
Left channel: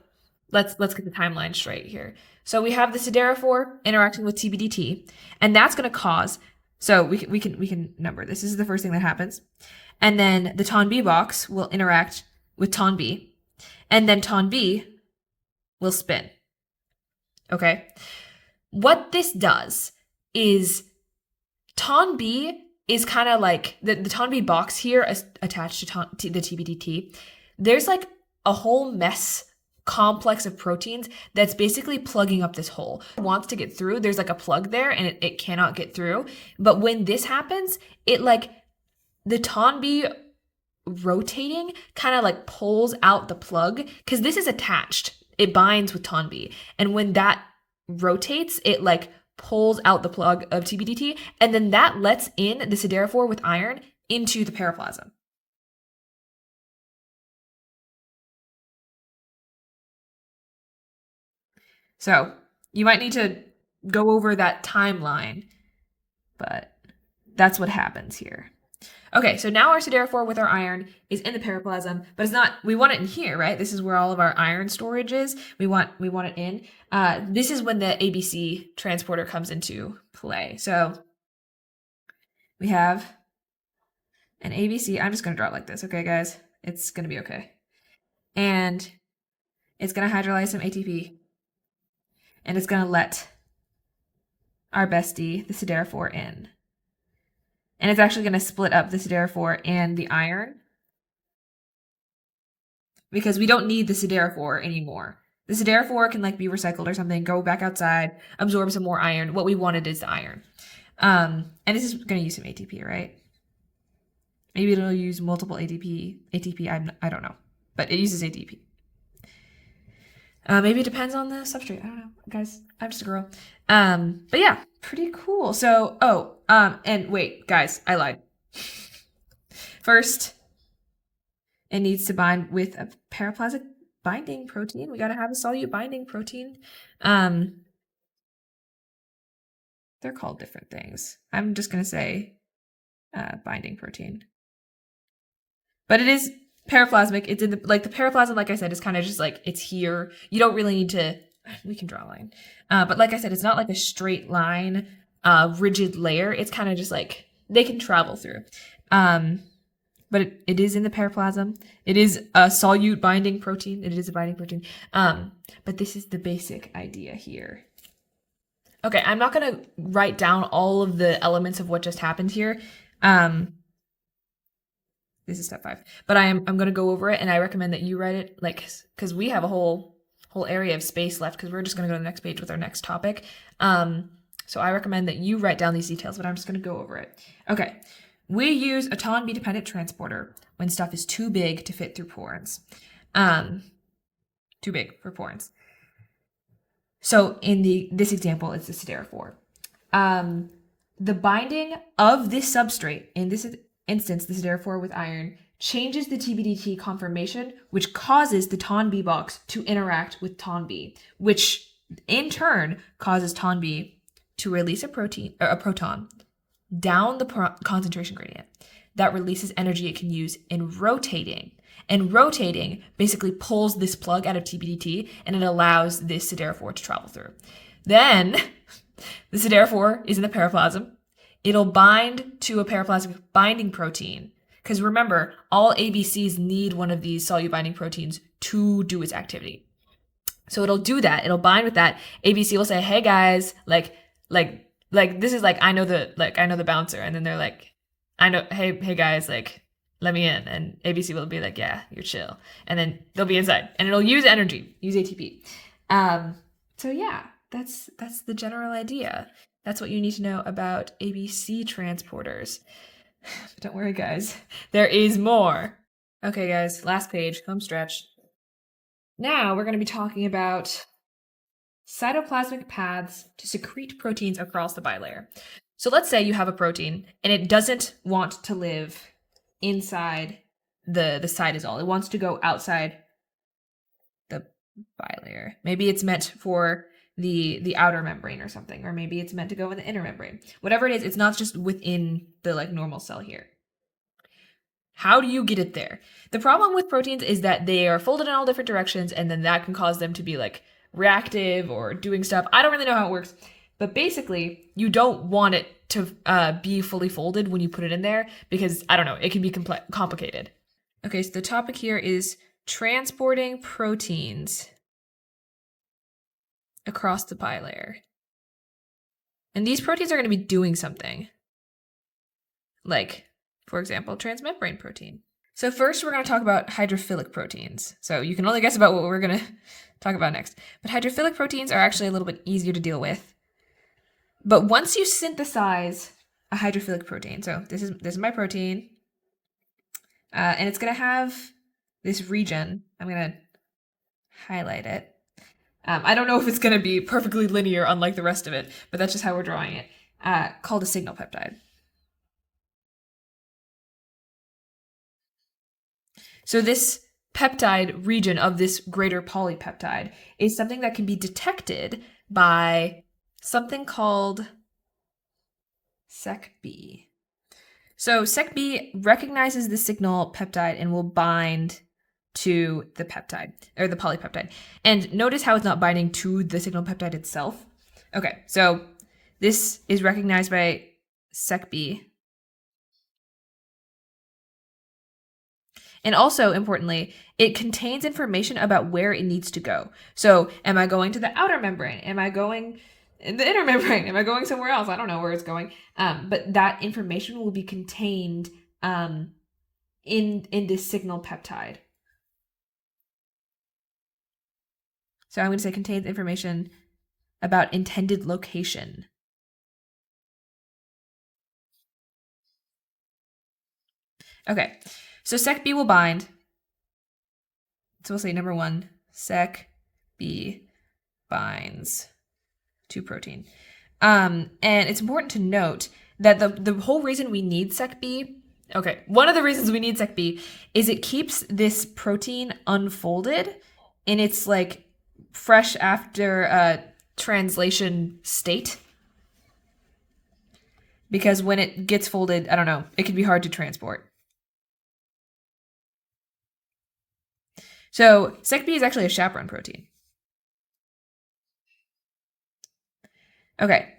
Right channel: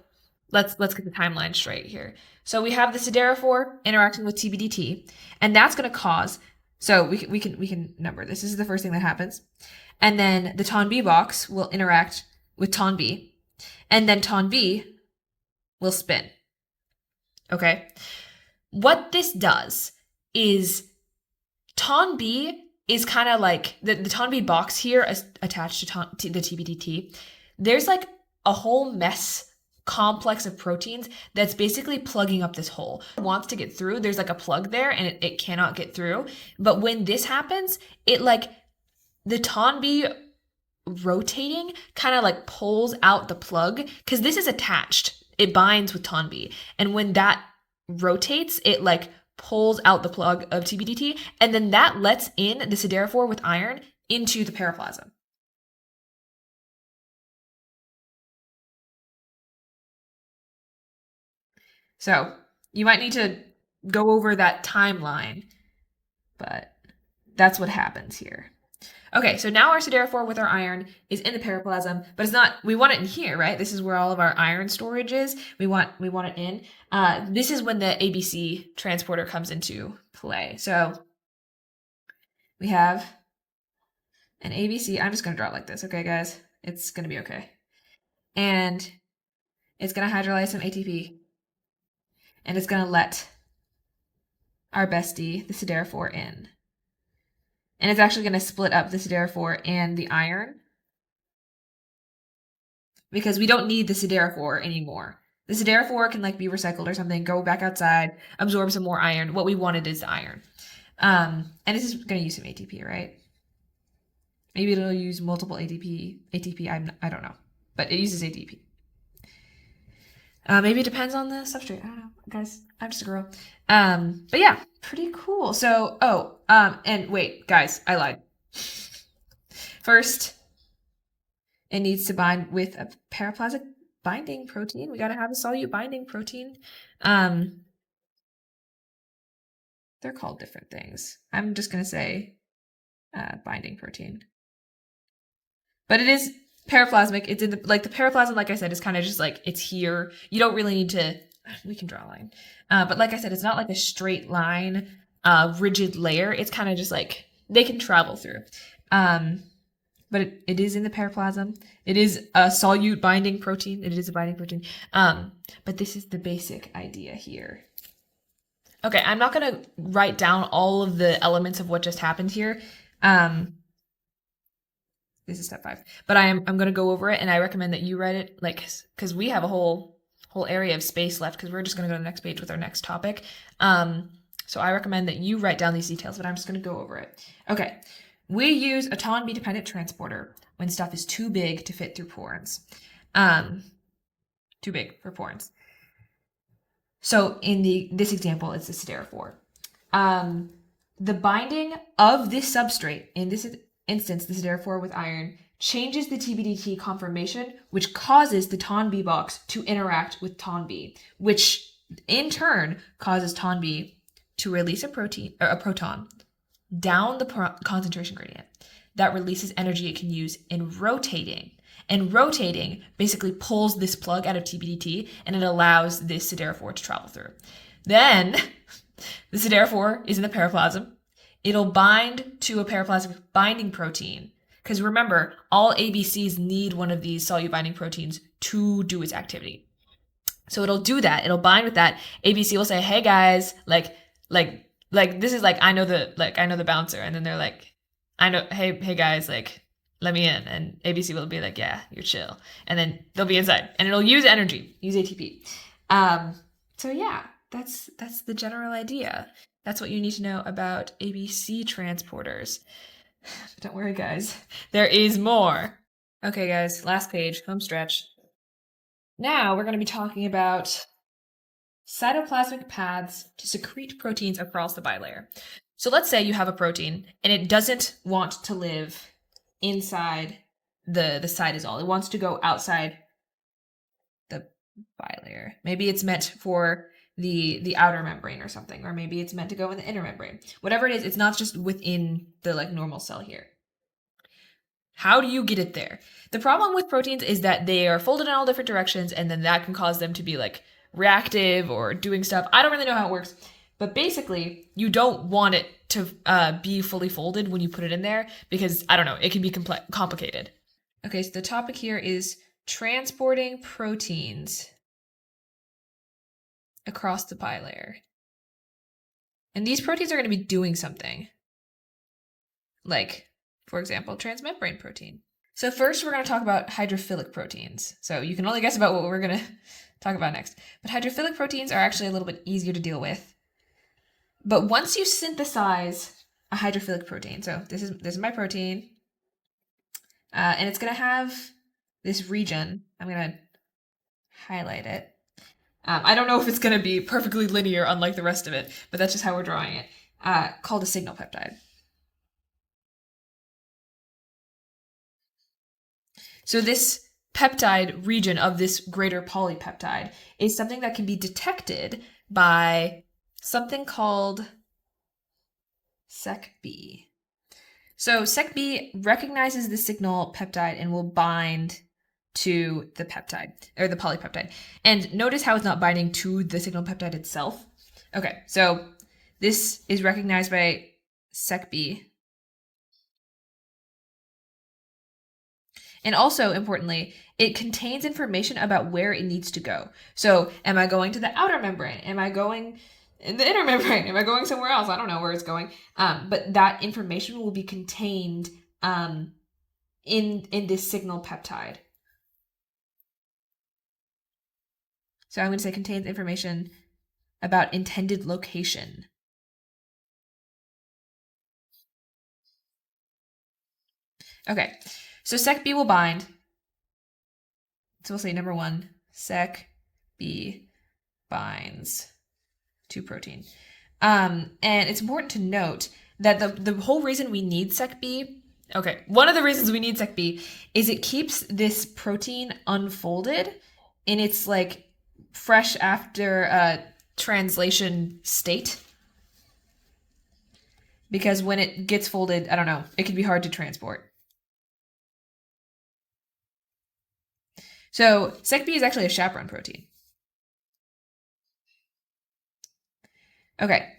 let's get the timeline straight here. So we have the siderophore interacting with TBDT, and that's going to cause, so we can number this. This is the first thing that happens. And then the TON-B box will interact with TON-B, and then TON-B will spin. Okay? What this does is TON-B is kind of like, the TON-B box here attached to the TBDT, there's like a whole complex of proteins that's basically plugging up this hole. It wants to get through, there's like a plug there and it cannot get through. But when this happens, it like, the TON-B rotating kind of like pulls out the plug, because this is attached. It binds with TON-B. And when that rotates, it like pulls out the plug of TBDT, and then that lets in the siderophore with iron into the periplasm. So you might need to go over that timeline, but that's what happens here. Okay, so now our siderophore with our iron is in the periplasm, but it's not, we want it in here, right? This is where all of our iron storage is. We want it in. This is when the ABC transporter comes into play. So we have an ABC. I'm just going to draw it like this, okay, guys? It's going to be okay. And it's going to hydrolyze some ATP. And it's going to let our bestie, the siderophore, in. And it's actually going to split up the siderophore and the iron, because we don't need the siderophore anymore. The siderophore can like be recycled or something, go back outside, absorb some more iron. What we wanted is the iron. And this is going to use some ATP, right? Maybe it'll use multiple ATP, I don't know. But it uses ATP. Maybe it depends on the substrate. I don't know, guys. I'm just a girl. But yeah, pretty cool. So, and wait, guys, I lied. First, it needs to bind with a paraplasmic binding protein. We gotta have a solute binding protein. They're called different things. I'm just gonna say binding protein. But it is paraplasmic. It's in the paraplasm, like I said, is kind of just like, it's here. You don't really need to, we can draw a line. But like I said, it's not like a straight line, rigid layer. It's kind of just like, they can travel through. But it is in the paraplasm. It is a solute binding protein. It is a binding protein. But this is the basic idea here. Okay, I'm not going to write down all of the elements of what just happened here. This is step 5. But I'm going to go over it, and I recommend that you write it, like, because we have a whole whole area of space left because we're just going to go to the next page with our next topic. So I recommend that you write down these details, but I'm just going to go over it. Okay, we use a TON-B dependent transporter when stuff is too big to fit through porins. Too big for porins. So in this example, it's the siderophore. The binding of this substrate, in this instance, the siderophore with iron, changes the TBDT conformation, which causes the TON-B box to interact with TON-B, which in turn causes TON-B to release a proton down the concentration gradient. That releases energy it can use in rotating. And rotating basically pulls this plug out of TBDT, and it allows this siderophore to travel through. Then the siderophore is in the periplasm. It'll bind to a periplasmic binding protein. Because remember, all ABCs need one of these solute binding proteins to do its activity. So it'll do that. It'll bind with that. ABC will say, "Hey guys, like this is like I know the bouncer," and then they're like, hey guys, like let me in," and ABC will be like, "Yeah, you're chill," and then they'll be inside, and it'll use energy, use ATP. So yeah, that's the general idea. That's what you need to know about ABC transporters. Don't worry, guys. There is more. Okay, guys, last page, home stretch. Now we're going to be talking about cytoplasmic paths to secrete proteins across the bilayer. So let's say you have a protein and it doesn't want to live inside the cytosol. It wants to go outside the bilayer. Maybe it's meant for the outer membrane or something, or maybe it's meant to go in the inner membrane. Whatever it is, it's not just within the normal cell here. How do you get it there? The problem with proteins is that they are folded in all different directions, and then that can cause them to be reactive or doing stuff. I don't really know how it works, but basically you don't want it to be fully folded when you put it in there because, I don't know, it can be complicated. Okay, so the topic here is transporting proteins across the bilayer. And these proteins are going to be doing something. Like, for example, transmembrane protein. So first we're going to talk about hydrophilic proteins. So you can only guess about what we're going to talk about next. But hydrophilic proteins are actually a little bit easier to deal with. But once you synthesize a hydrophilic protein, so this is my protein, and it's going to have this region. I'm going to highlight it. I don't know if it's going to be perfectly linear unlike the rest of it, but that's just how we're drawing it, called a signal peptide. So this peptide region of this greater polypeptide is something that can be detected by something called Sec-B. So Sec-B recognizes the signal peptide and will bind to the peptide, or the polypeptide. And notice how it's not binding to the signal peptide itself. Okay, so this is recognized by Sec-B. And also, importantly, it contains information about where it needs to go. So, am I going to the outer membrane? Am I going in the inner membrane? Am I going somewhere else? I don't know where it's going. But that information will be contained in this signal peptide. So I'm going to say contains information about intended location. Okay, so Sec-B will bind. So we'll say number 1, Sec-B binds to protein. And it's important to note that the whole reason we need Sec-B, okay, one of the reasons we need Sec-B is it keeps this protein unfolded in its fresh after translation state. Because when it gets folded, I don't know, it can be hard to transport. So Sec-B is actually a chaperone protein. Okay,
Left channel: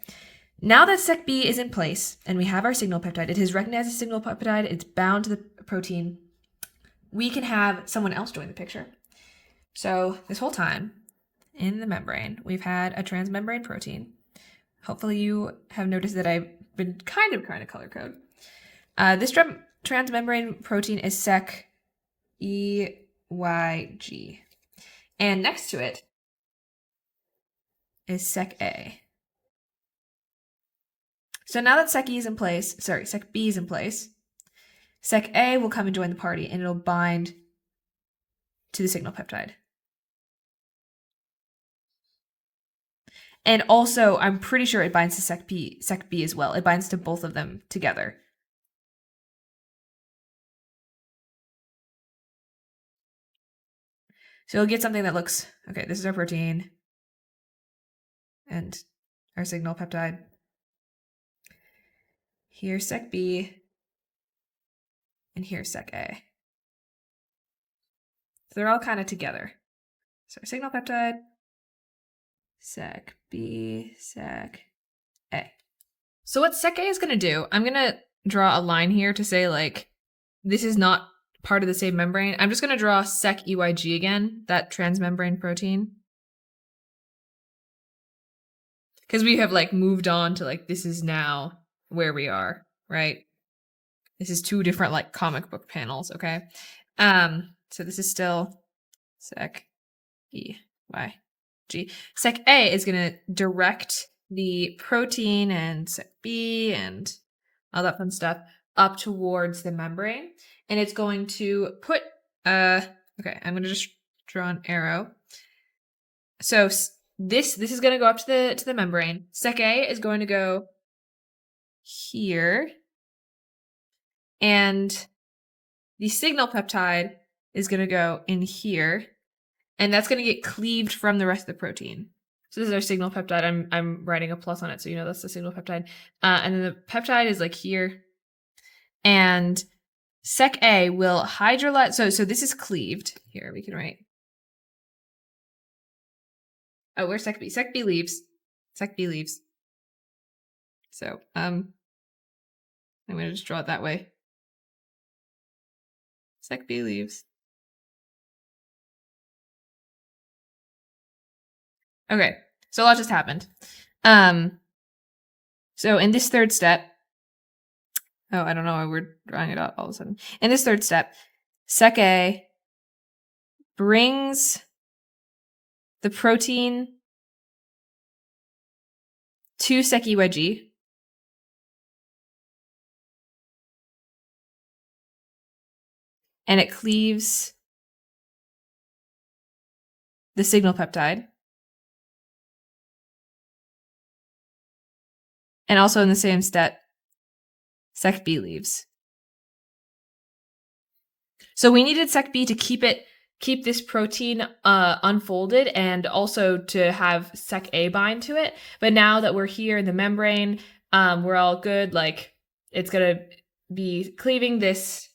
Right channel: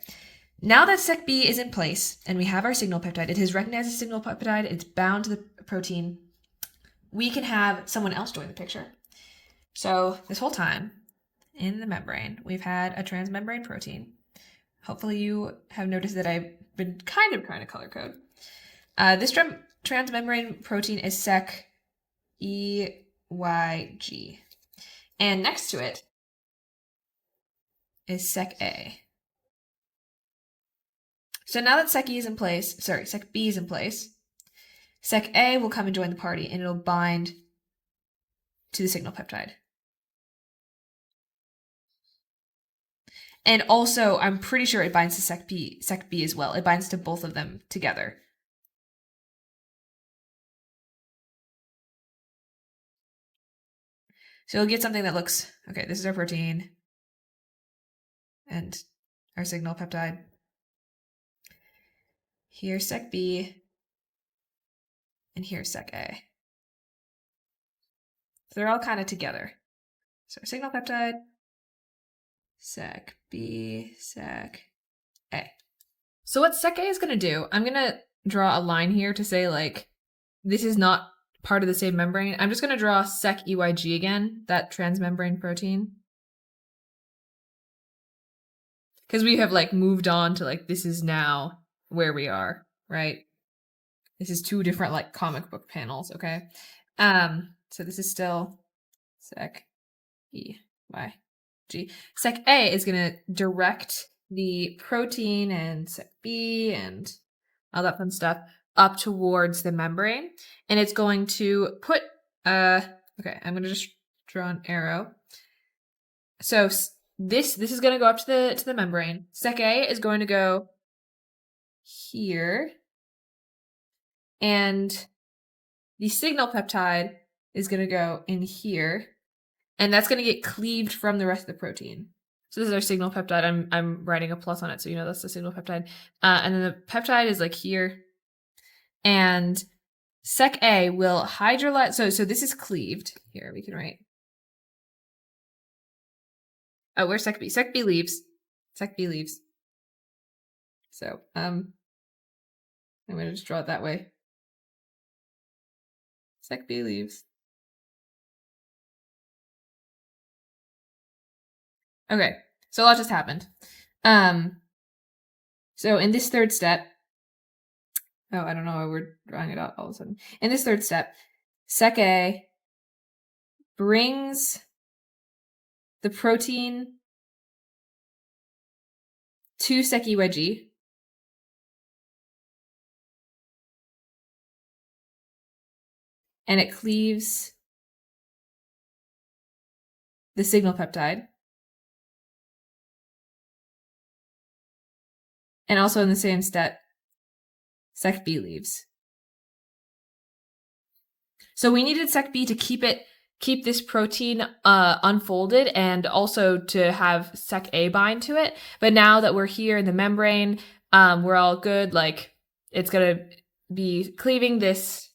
now that Sec-B is in place and we have our signal peptide, it has recognized the signal peptide, it's bound to the protein, we can have someone else join the picture. So this whole time in the membrane, we've had a transmembrane protein. Hopefully you have noticed that I've been kind of trying to color code. This transmembrane protein is Sec-EYG. And next to it, is sec A. So now that sec B is in place, sec A will come and join the party and it'll bind to the signal peptide. And also, I'm pretty sure it binds to sec B as well. It binds to both of them together. So you'll get something that looks, okay, this is our protein and our signal peptide. Here's sec B, and here's sec A. So they're all kind of together. So signal peptide, sec B, sec A. So what sec A is going to do, I'm going to draw a line here to say, like, this is not part of the same membrane. I'm just going to draw sec EYG again, that transmembrane protein. Because we have, like, moved on to, like, this is now where we are, right? This is two different, like, comic book panels, okay? So this is still sec EYG. Sec A is going to direct the protein and sec B and all that fun stuff up towards the membrane. And it's going to put, okay, I'm going to just draw an arrow. So this is going to go up to the membrane. Sec A is going to go here. And the signal peptide is going to go in here. And that's going to get cleaved from the rest of the protein. So this is our signal peptide. I'm writing a plus on it, so you know that's the signal peptide. And then the peptide is like here. And sec A will hydrolyze. So this is cleaved. Here, we can write. Oh, where's sec B? Sec B leaves. Sec B leaves. So I'm going to just draw it that way. Sec B leaves. Okay, so a lot just happened. So in this third step, oh, I don't know why we're drawing it out all of a sudden. In this third step, sec A brings the protein to sec EYG. And it cleaves the signal peptide. And also in the same step, sec B leaves. So we needed sec B to keep this protein unfolded and also to have sec A bind to it. But now that we're here in the membrane, we're all good. Like, it's going to be cleaving this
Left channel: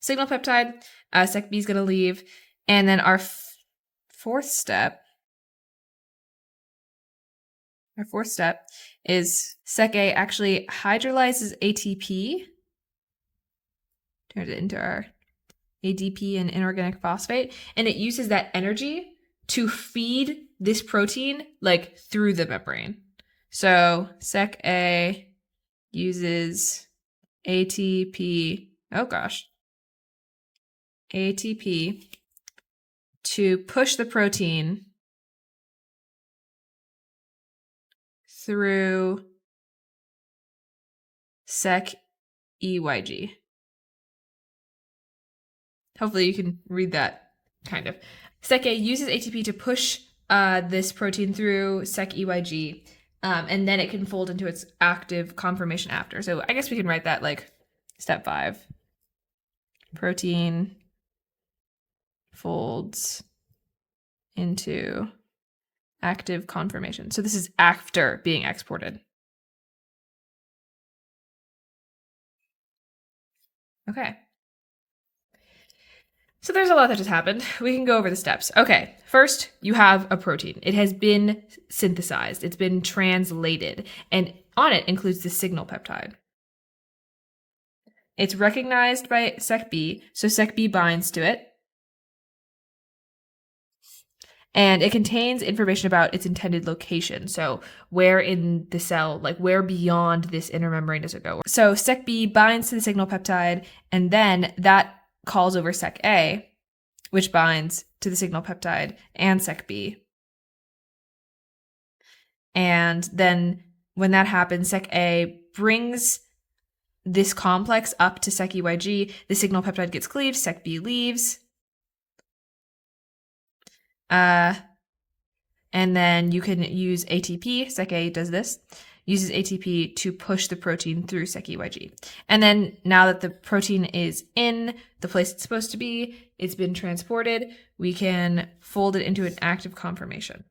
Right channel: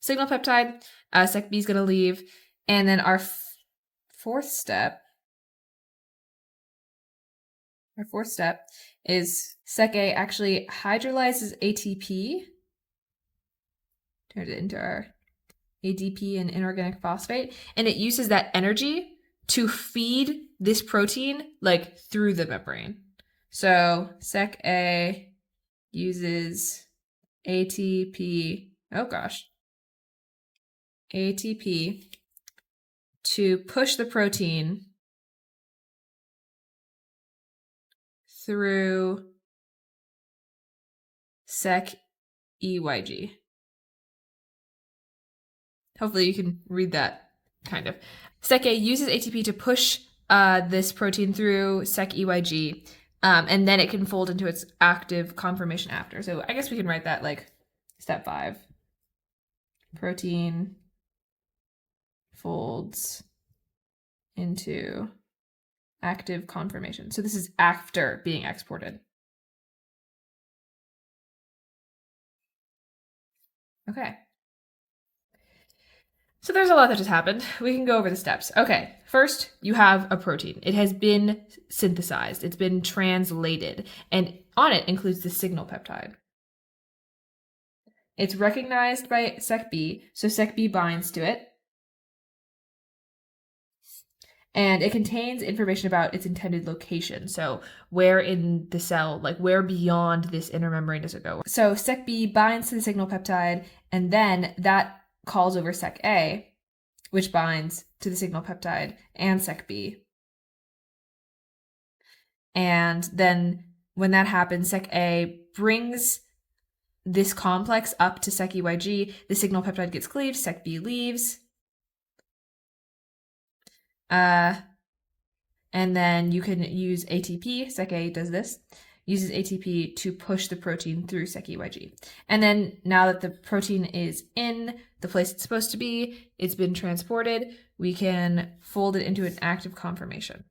signal peptide. Sec B is going to leave. And then our fourth step is sec A actually hydrolyzes ATP, turns it into our ADP and inorganic phosphate, and it uses that energy to feed this protein like through the membrane. So sec A uses ATP, ATP to push the protein through sec EYG. Hopefully you can read that, kind of. Sec A uses ATP to push this protein through sec EYG, and then it can fold into its active conformation after. So I guess we can write that like step 5. Protein folds into active conformation. So this is after being exported. Okay. So there's a lot that just happened. We can go over the steps. Okay, first you have a protein. It has been synthesized. It's been translated. And on it includes the signal peptide. It's recognized by sec B, so sec B binds to it. And it contains information about its intended location. So where in the cell, like where beyond this inner membrane does it go? So sec B binds to the signal peptide, and then that calls over sec A, which binds to the signal peptide and sec B. And then when that happens, Sec-A brings this complex up to Sec-EYG. The signal peptide gets cleaved, Sec-B leaves. And then you can use ATP. Sec-A does this, uses ATP to push the protein through Sec-EYG. And then now that the protein is in the place it's supposed to be, it's been transported, we can fold it into an active conformation.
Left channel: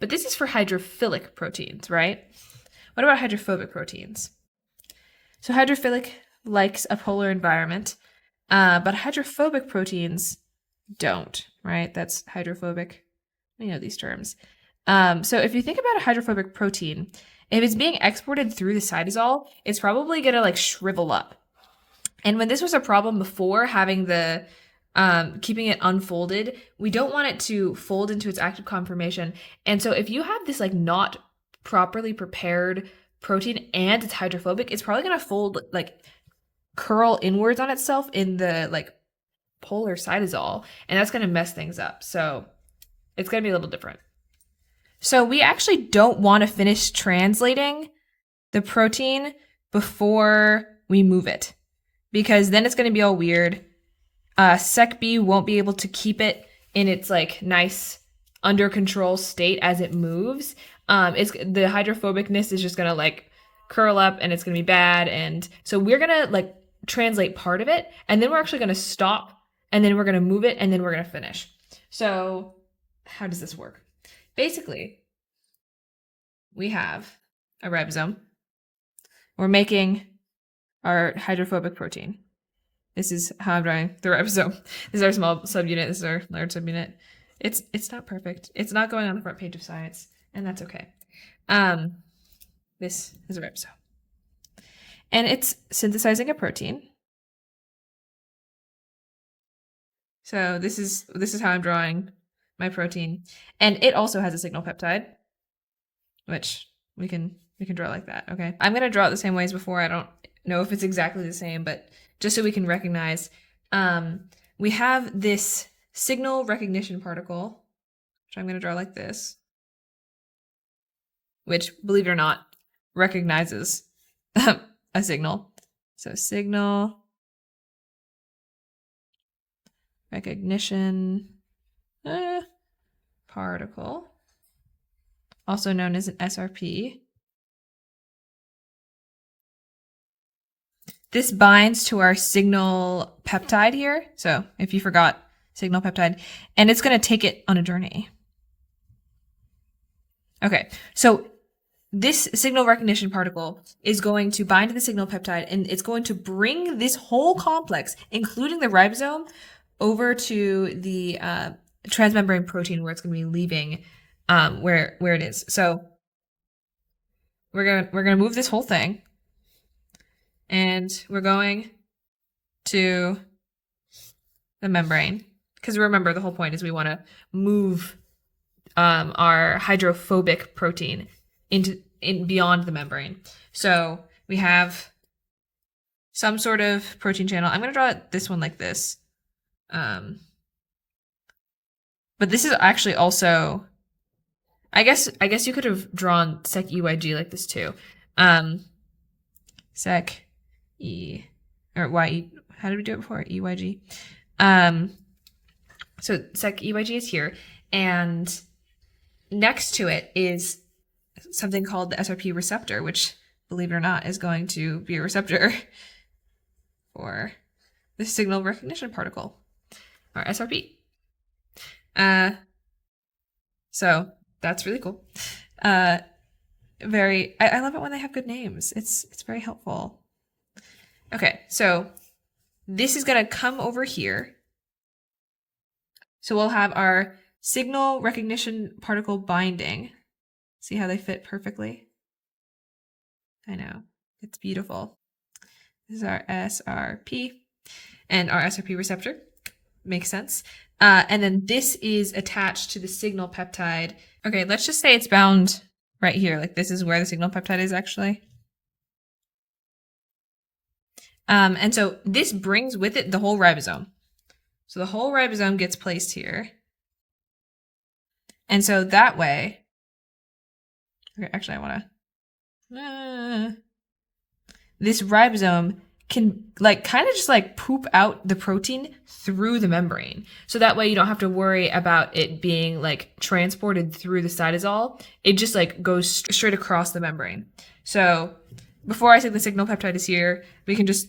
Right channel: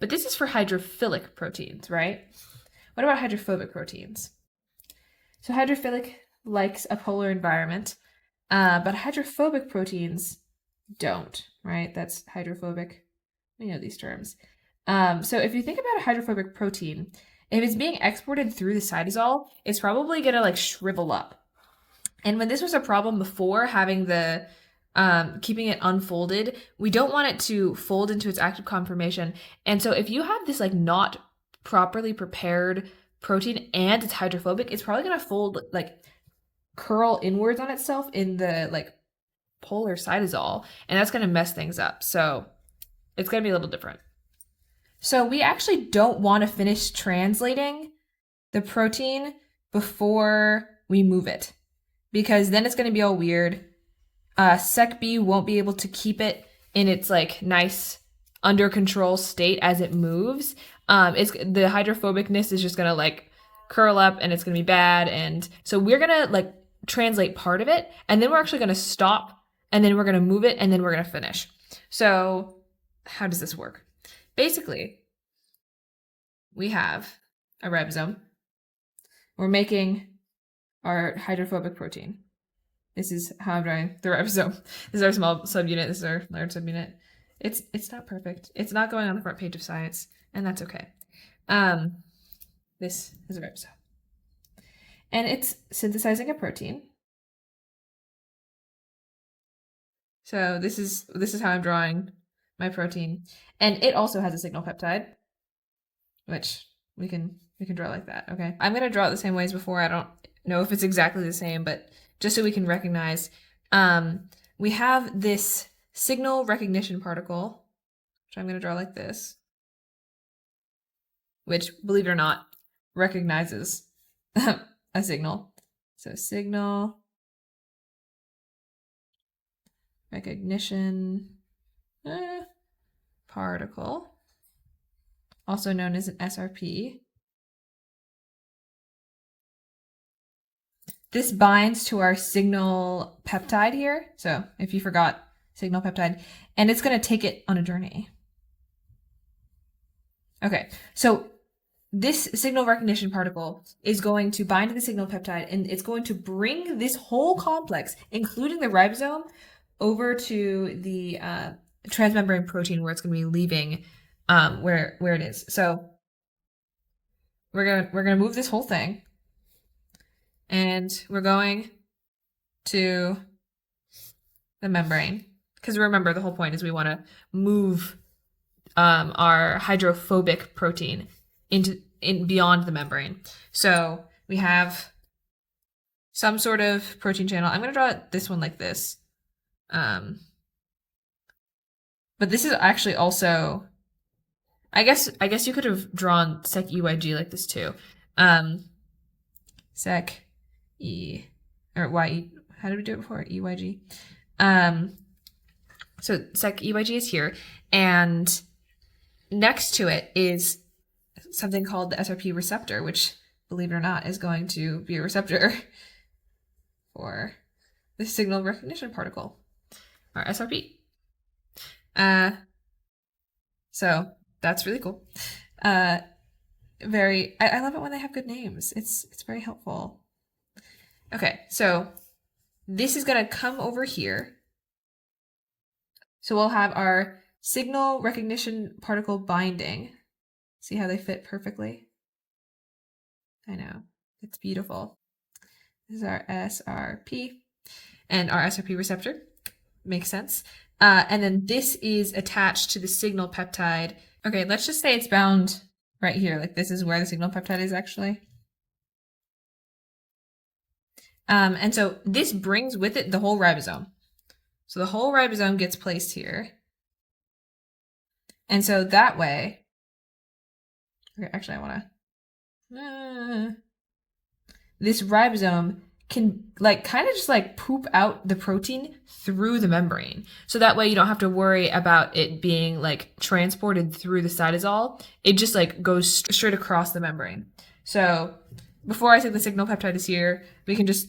But this is for hydrophilic proteins, right? What about hydrophobic proteins? So hydrophilic likes a polar environment, but hydrophobic proteins don't, right? That's hydrophobic. We know these terms. So if you think about a hydrophobic protein, if it's being exported through the cytosol, it's probably gonna like shrivel up. And when this was a problem before, having the keeping it unfolded, we don't want it to fold into its active conformation. And so if you have this like not properly prepared protein and it's hydrophobic, it's probably gonna fold, like curl inwards on itself in the like polar cytosol, and that's gonna mess things up. So it's gonna be a little different. So we actually don't want to finish translating the protein before we move it, because then it's gonna be all weird. Sec-B won't be able to keep it in its like nice under control state as it moves. The hydrophobicness is just gonna like curl up and it's gonna be bad. And so we're gonna like translate part of it, and then we're actually gonna stop, and then we're gonna move it, and then we're gonna finish. So how does this work? Basically, we have a ribosome. We're making our hydrophobic protein. This is how I'm drawing the ribosome. This is our small subunit. This is our large subunit. It's not perfect. It's not going on the front page of Science, and that's okay. This is a ribosome, and it's synthesizing a protein. So this is how I'm drawing my protein, and it also has a signal peptide, which we can draw like that. Okay, I'm gonna draw it the same way as before. I don't know if it's exactly the same, but just so we can recognize, we have this signal recognition particle, which I'm gonna draw like this, which, believe it or not, recognizes a signal. So signal recognition particle, also known as an SRP. This binds to our signal peptide here. So if you forgot, signal peptide, and it's going to take it on a journey. Okay, so this signal recognition particle is going to bind to the signal peptide, and it's going to bring this whole complex, including the ribosome, over to the transmembrane protein where it's going to be leaving where it is. So we're going to move this whole thing, and we're going to the membrane, because remember, the whole point is we want to move our hydrophobic protein beyond the membrane. So we have some sort of protein channel. I'm going to draw this one like this. But this is actually also, I guess you could have drawn Sec-EYG like this too. Sec-E, or Y-E, how did we do it before? EYG. So Sec-EYG is here, and next to it is something called the SRP receptor, which, believe it or not, is going to be a receptor for the signal recognition particle, or SRP. So that's really cool. I love it when they have good names. It's very helpful. Okay, so this is gonna come over here. So we'll have our signal recognition particle binding. See how they fit perfectly? I know, it's beautiful. This is our SRP and our SRP receptor. Makes sense. And then this is attached to the signal peptide. Okay, let's just say it's bound right here. Like this is where the signal peptide is actually. And so this brings with it the whole ribosome. So the whole ribosome gets placed here. And so that way, Okay, actually, I want to. This ribosome can like kind of just like poop out the protein through the membrane. So that way you don't have to worry about it being like transported through the cytosol. It just like goes straight across the membrane. So before I say the signal peptide is here, we can just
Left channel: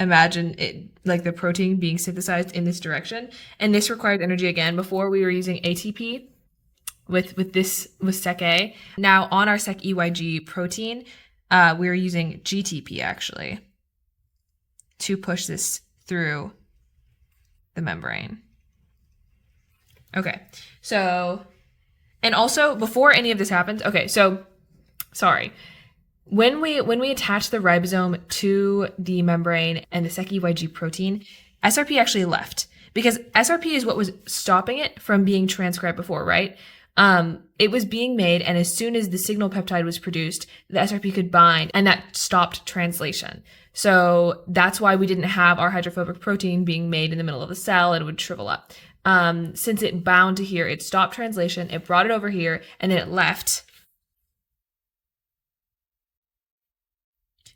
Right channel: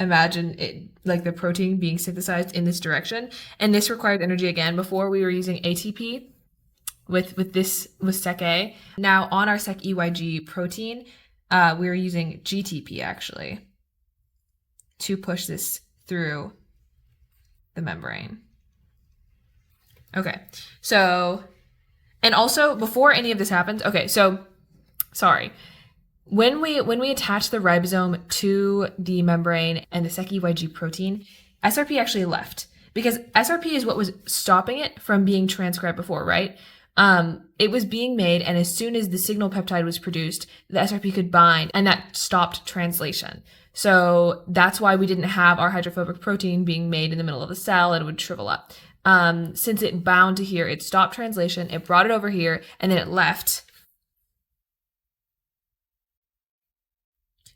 imagine it like the protein being synthesized in this direction. And this requires energy again. Before we were using ATP with Sec A. Now on our Sec EYG protein, we're using GTP actually to push this through the membrane. Okay, so, and also before any of this happens, okay, so, sorry. When we attach the ribosome to the membrane and the Sec EYG protein, SRP actually left because SRP is what was stopping it from being transcribed before, right? It was being made, and as soon as the signal peptide was produced, the SRP could bind, and that stopped translation. So that's why we didn't have our hydrophobic protein being made in the middle of the cell. It would shrivel up. Since it bound to here, it stopped translation, it brought it over here, and then it left.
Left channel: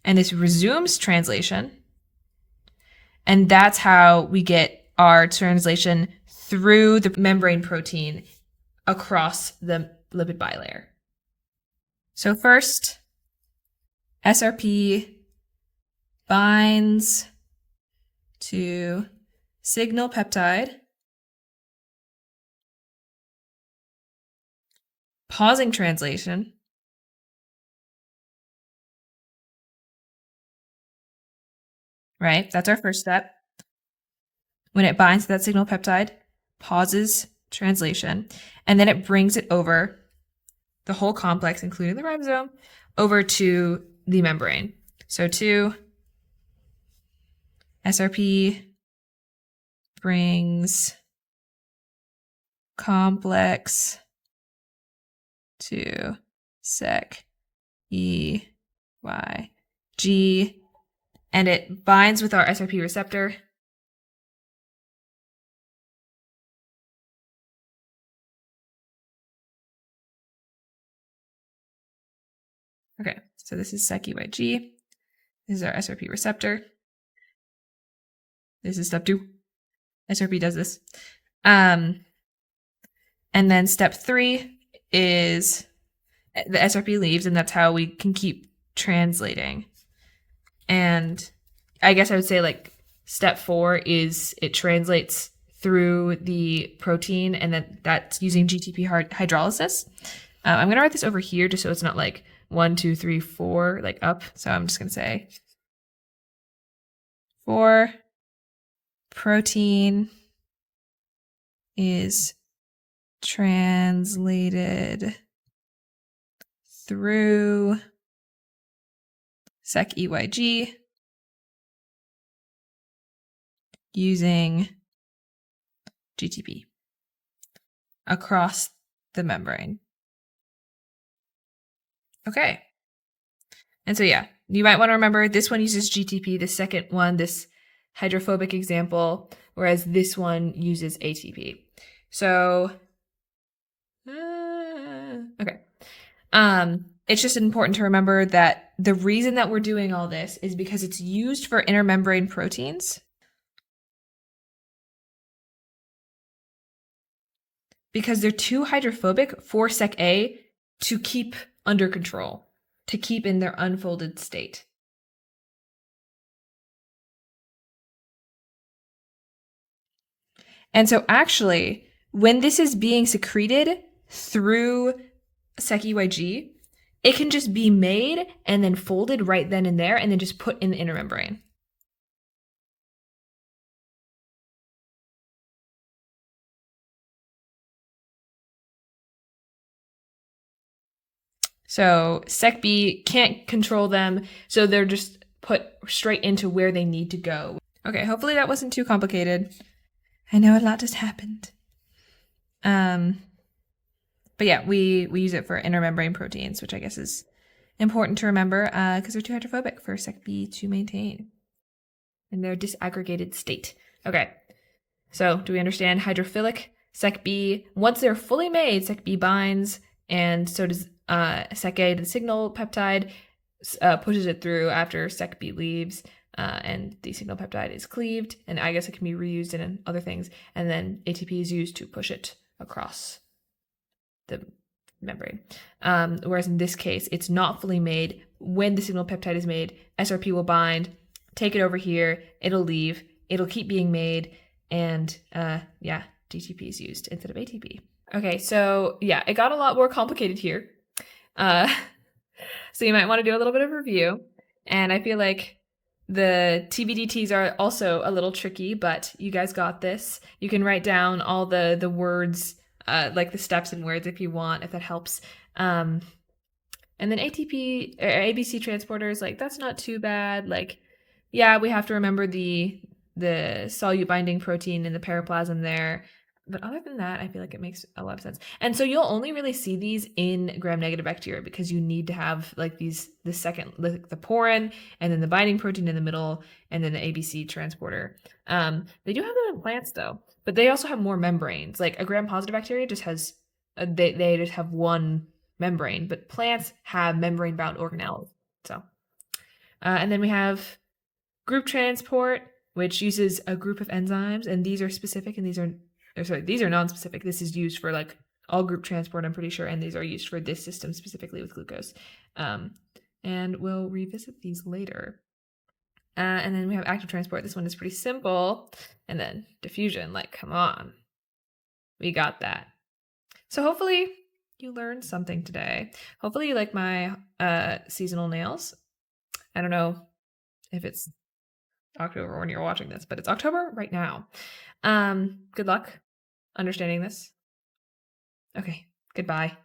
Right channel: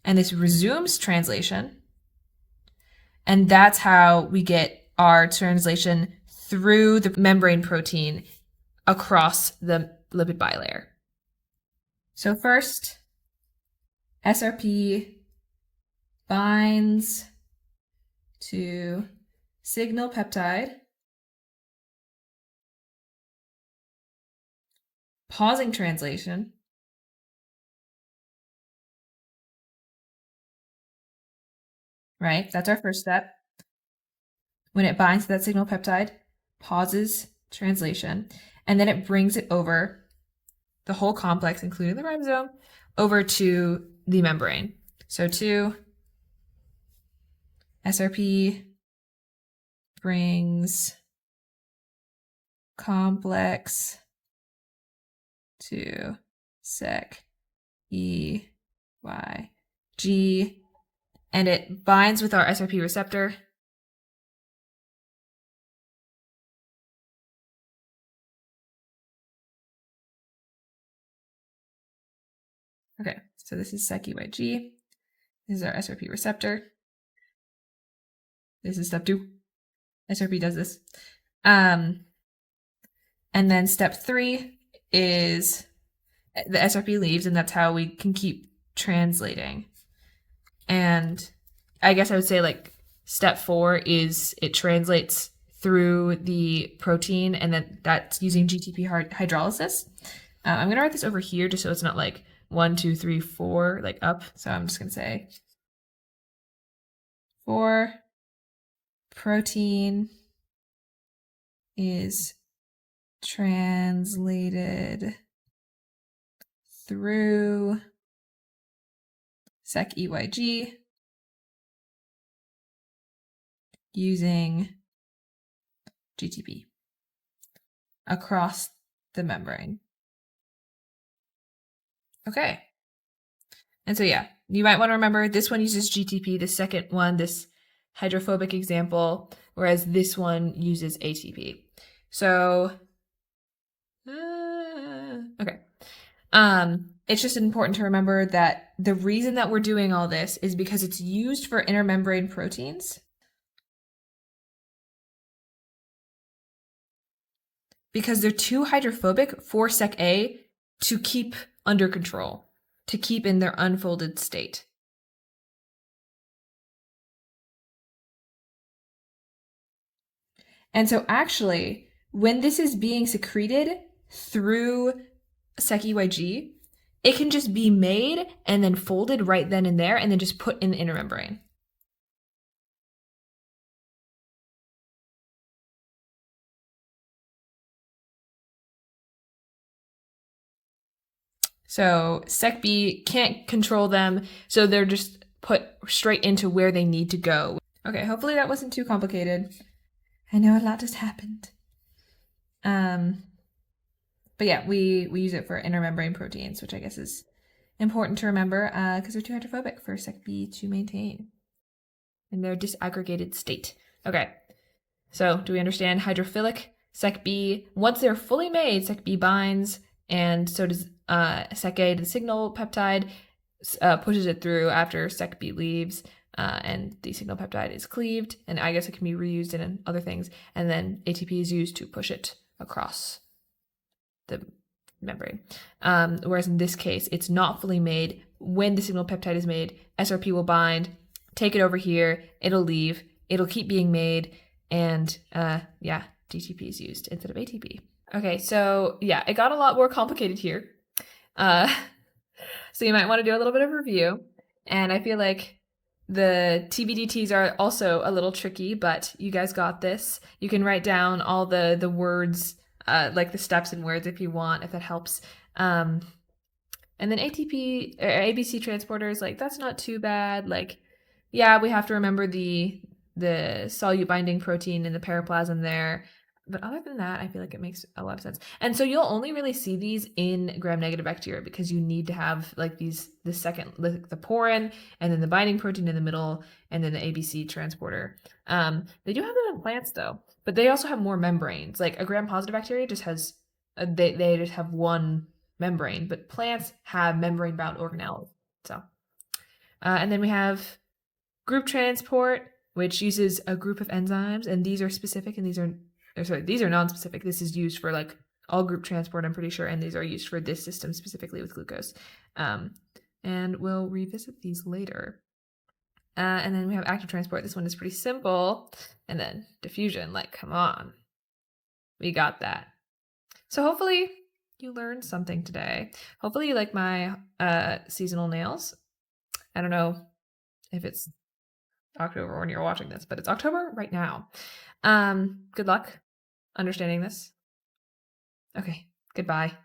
And this resumes translation. And that's how we get our translation through the membrane protein across the lipid bilayer. So first, SRP binds to signal peptide, pausing translation, right? That's our first step. When it binds to that signal peptide, pauses translation, and then it brings it over the whole complex, including the ribosome, over to the membrane. So to SRP brings complex to Sec EYG, and it binds with our SRP receptor. Okay, so this is Sec EYG. This is our SRP receptor. This is step 2. SRP does this. And then step 3 is the SRP leaves, and that's how we can keep translating. And I guess I would say like step 4 is it translates through the protein, and then that's using GTP hydrolysis. I'm going to write this over here just so it's not like 1, 2, 3, 4, like up. So I'm just going to say 4 protein is translated through Sec EYG using GTP across the membrane. Okay. And so, yeah, you might want to remember this one uses GTP, the second one, this hydrophobic example, whereas this one uses ATP. So, okay. It's just important to remember that the reason that we're doing all this is because it's used for intermembrane proteins. Because they're too hydrophobic for Sec A to keep under control, to keep in their unfolded state. And so actually, when this is being secreted through Sec EYG, it can just be made and then folded right then and there and then just put in the inner membrane. So Sec B can't control them, so they're just put straight into where they need to go. Okay, hopefully that wasn't too complicated. I know a lot just happened. But yeah, we use it for intermembrane proteins, which I guess is important to remember because they're too hydrophobic for Sec B to maintain in their disaggregated state. Okay, so do we understand hydrophilic Sec B? Once they're fully made, Sec B binds, and so does sec-A to the signal peptide, pushes it through after sec-B leaves, and the signal peptide is cleaved, and I guess it can be reused in other things, and then ATP is used to push it across the membrane. Whereas in this case, it's not fully made. When the signal peptide is made, SRP will bind, take it over here, it'll leave, it'll keep being made, and DTP is used instead of ATP. Okay, so yeah, it got a lot more complicated here. So you might want to do a little bit of review. And I feel like the TBDTs are also a little tricky, but you guys got this. You can write down all the words, like the steps and words if you want, if that helps. And then ATP or ABC transporters, like that's not too bad. Like, yeah, we have to remember the solute binding protein in the periplasm there. But other than that, I feel like it makes a lot of sense. And so you'll only really see these in gram-negative bacteria because you need to have like the porin and then the binding protein in the middle and then the ABC transporter. They do have them in plants though, but they also have more membranes. Like a gram-positive bacteria just has, they just have one membrane, but plants have membrane-bound organelles. So, and then we have group transport, which uses a group of enzymes, and these are specific and these are non-specific. This is used for like all group transport, I'm pretty sure, and these are used for this system specifically with glucose. And we'll revisit these later. And then we have active transport. This one is pretty simple. And then diffusion, like, come on. We got that. So hopefully you learned something today. Hopefully you like my seasonal nails. I don't know if it's October when you're watching this, but it's October right now. Good luck understanding this. Okay, goodbye.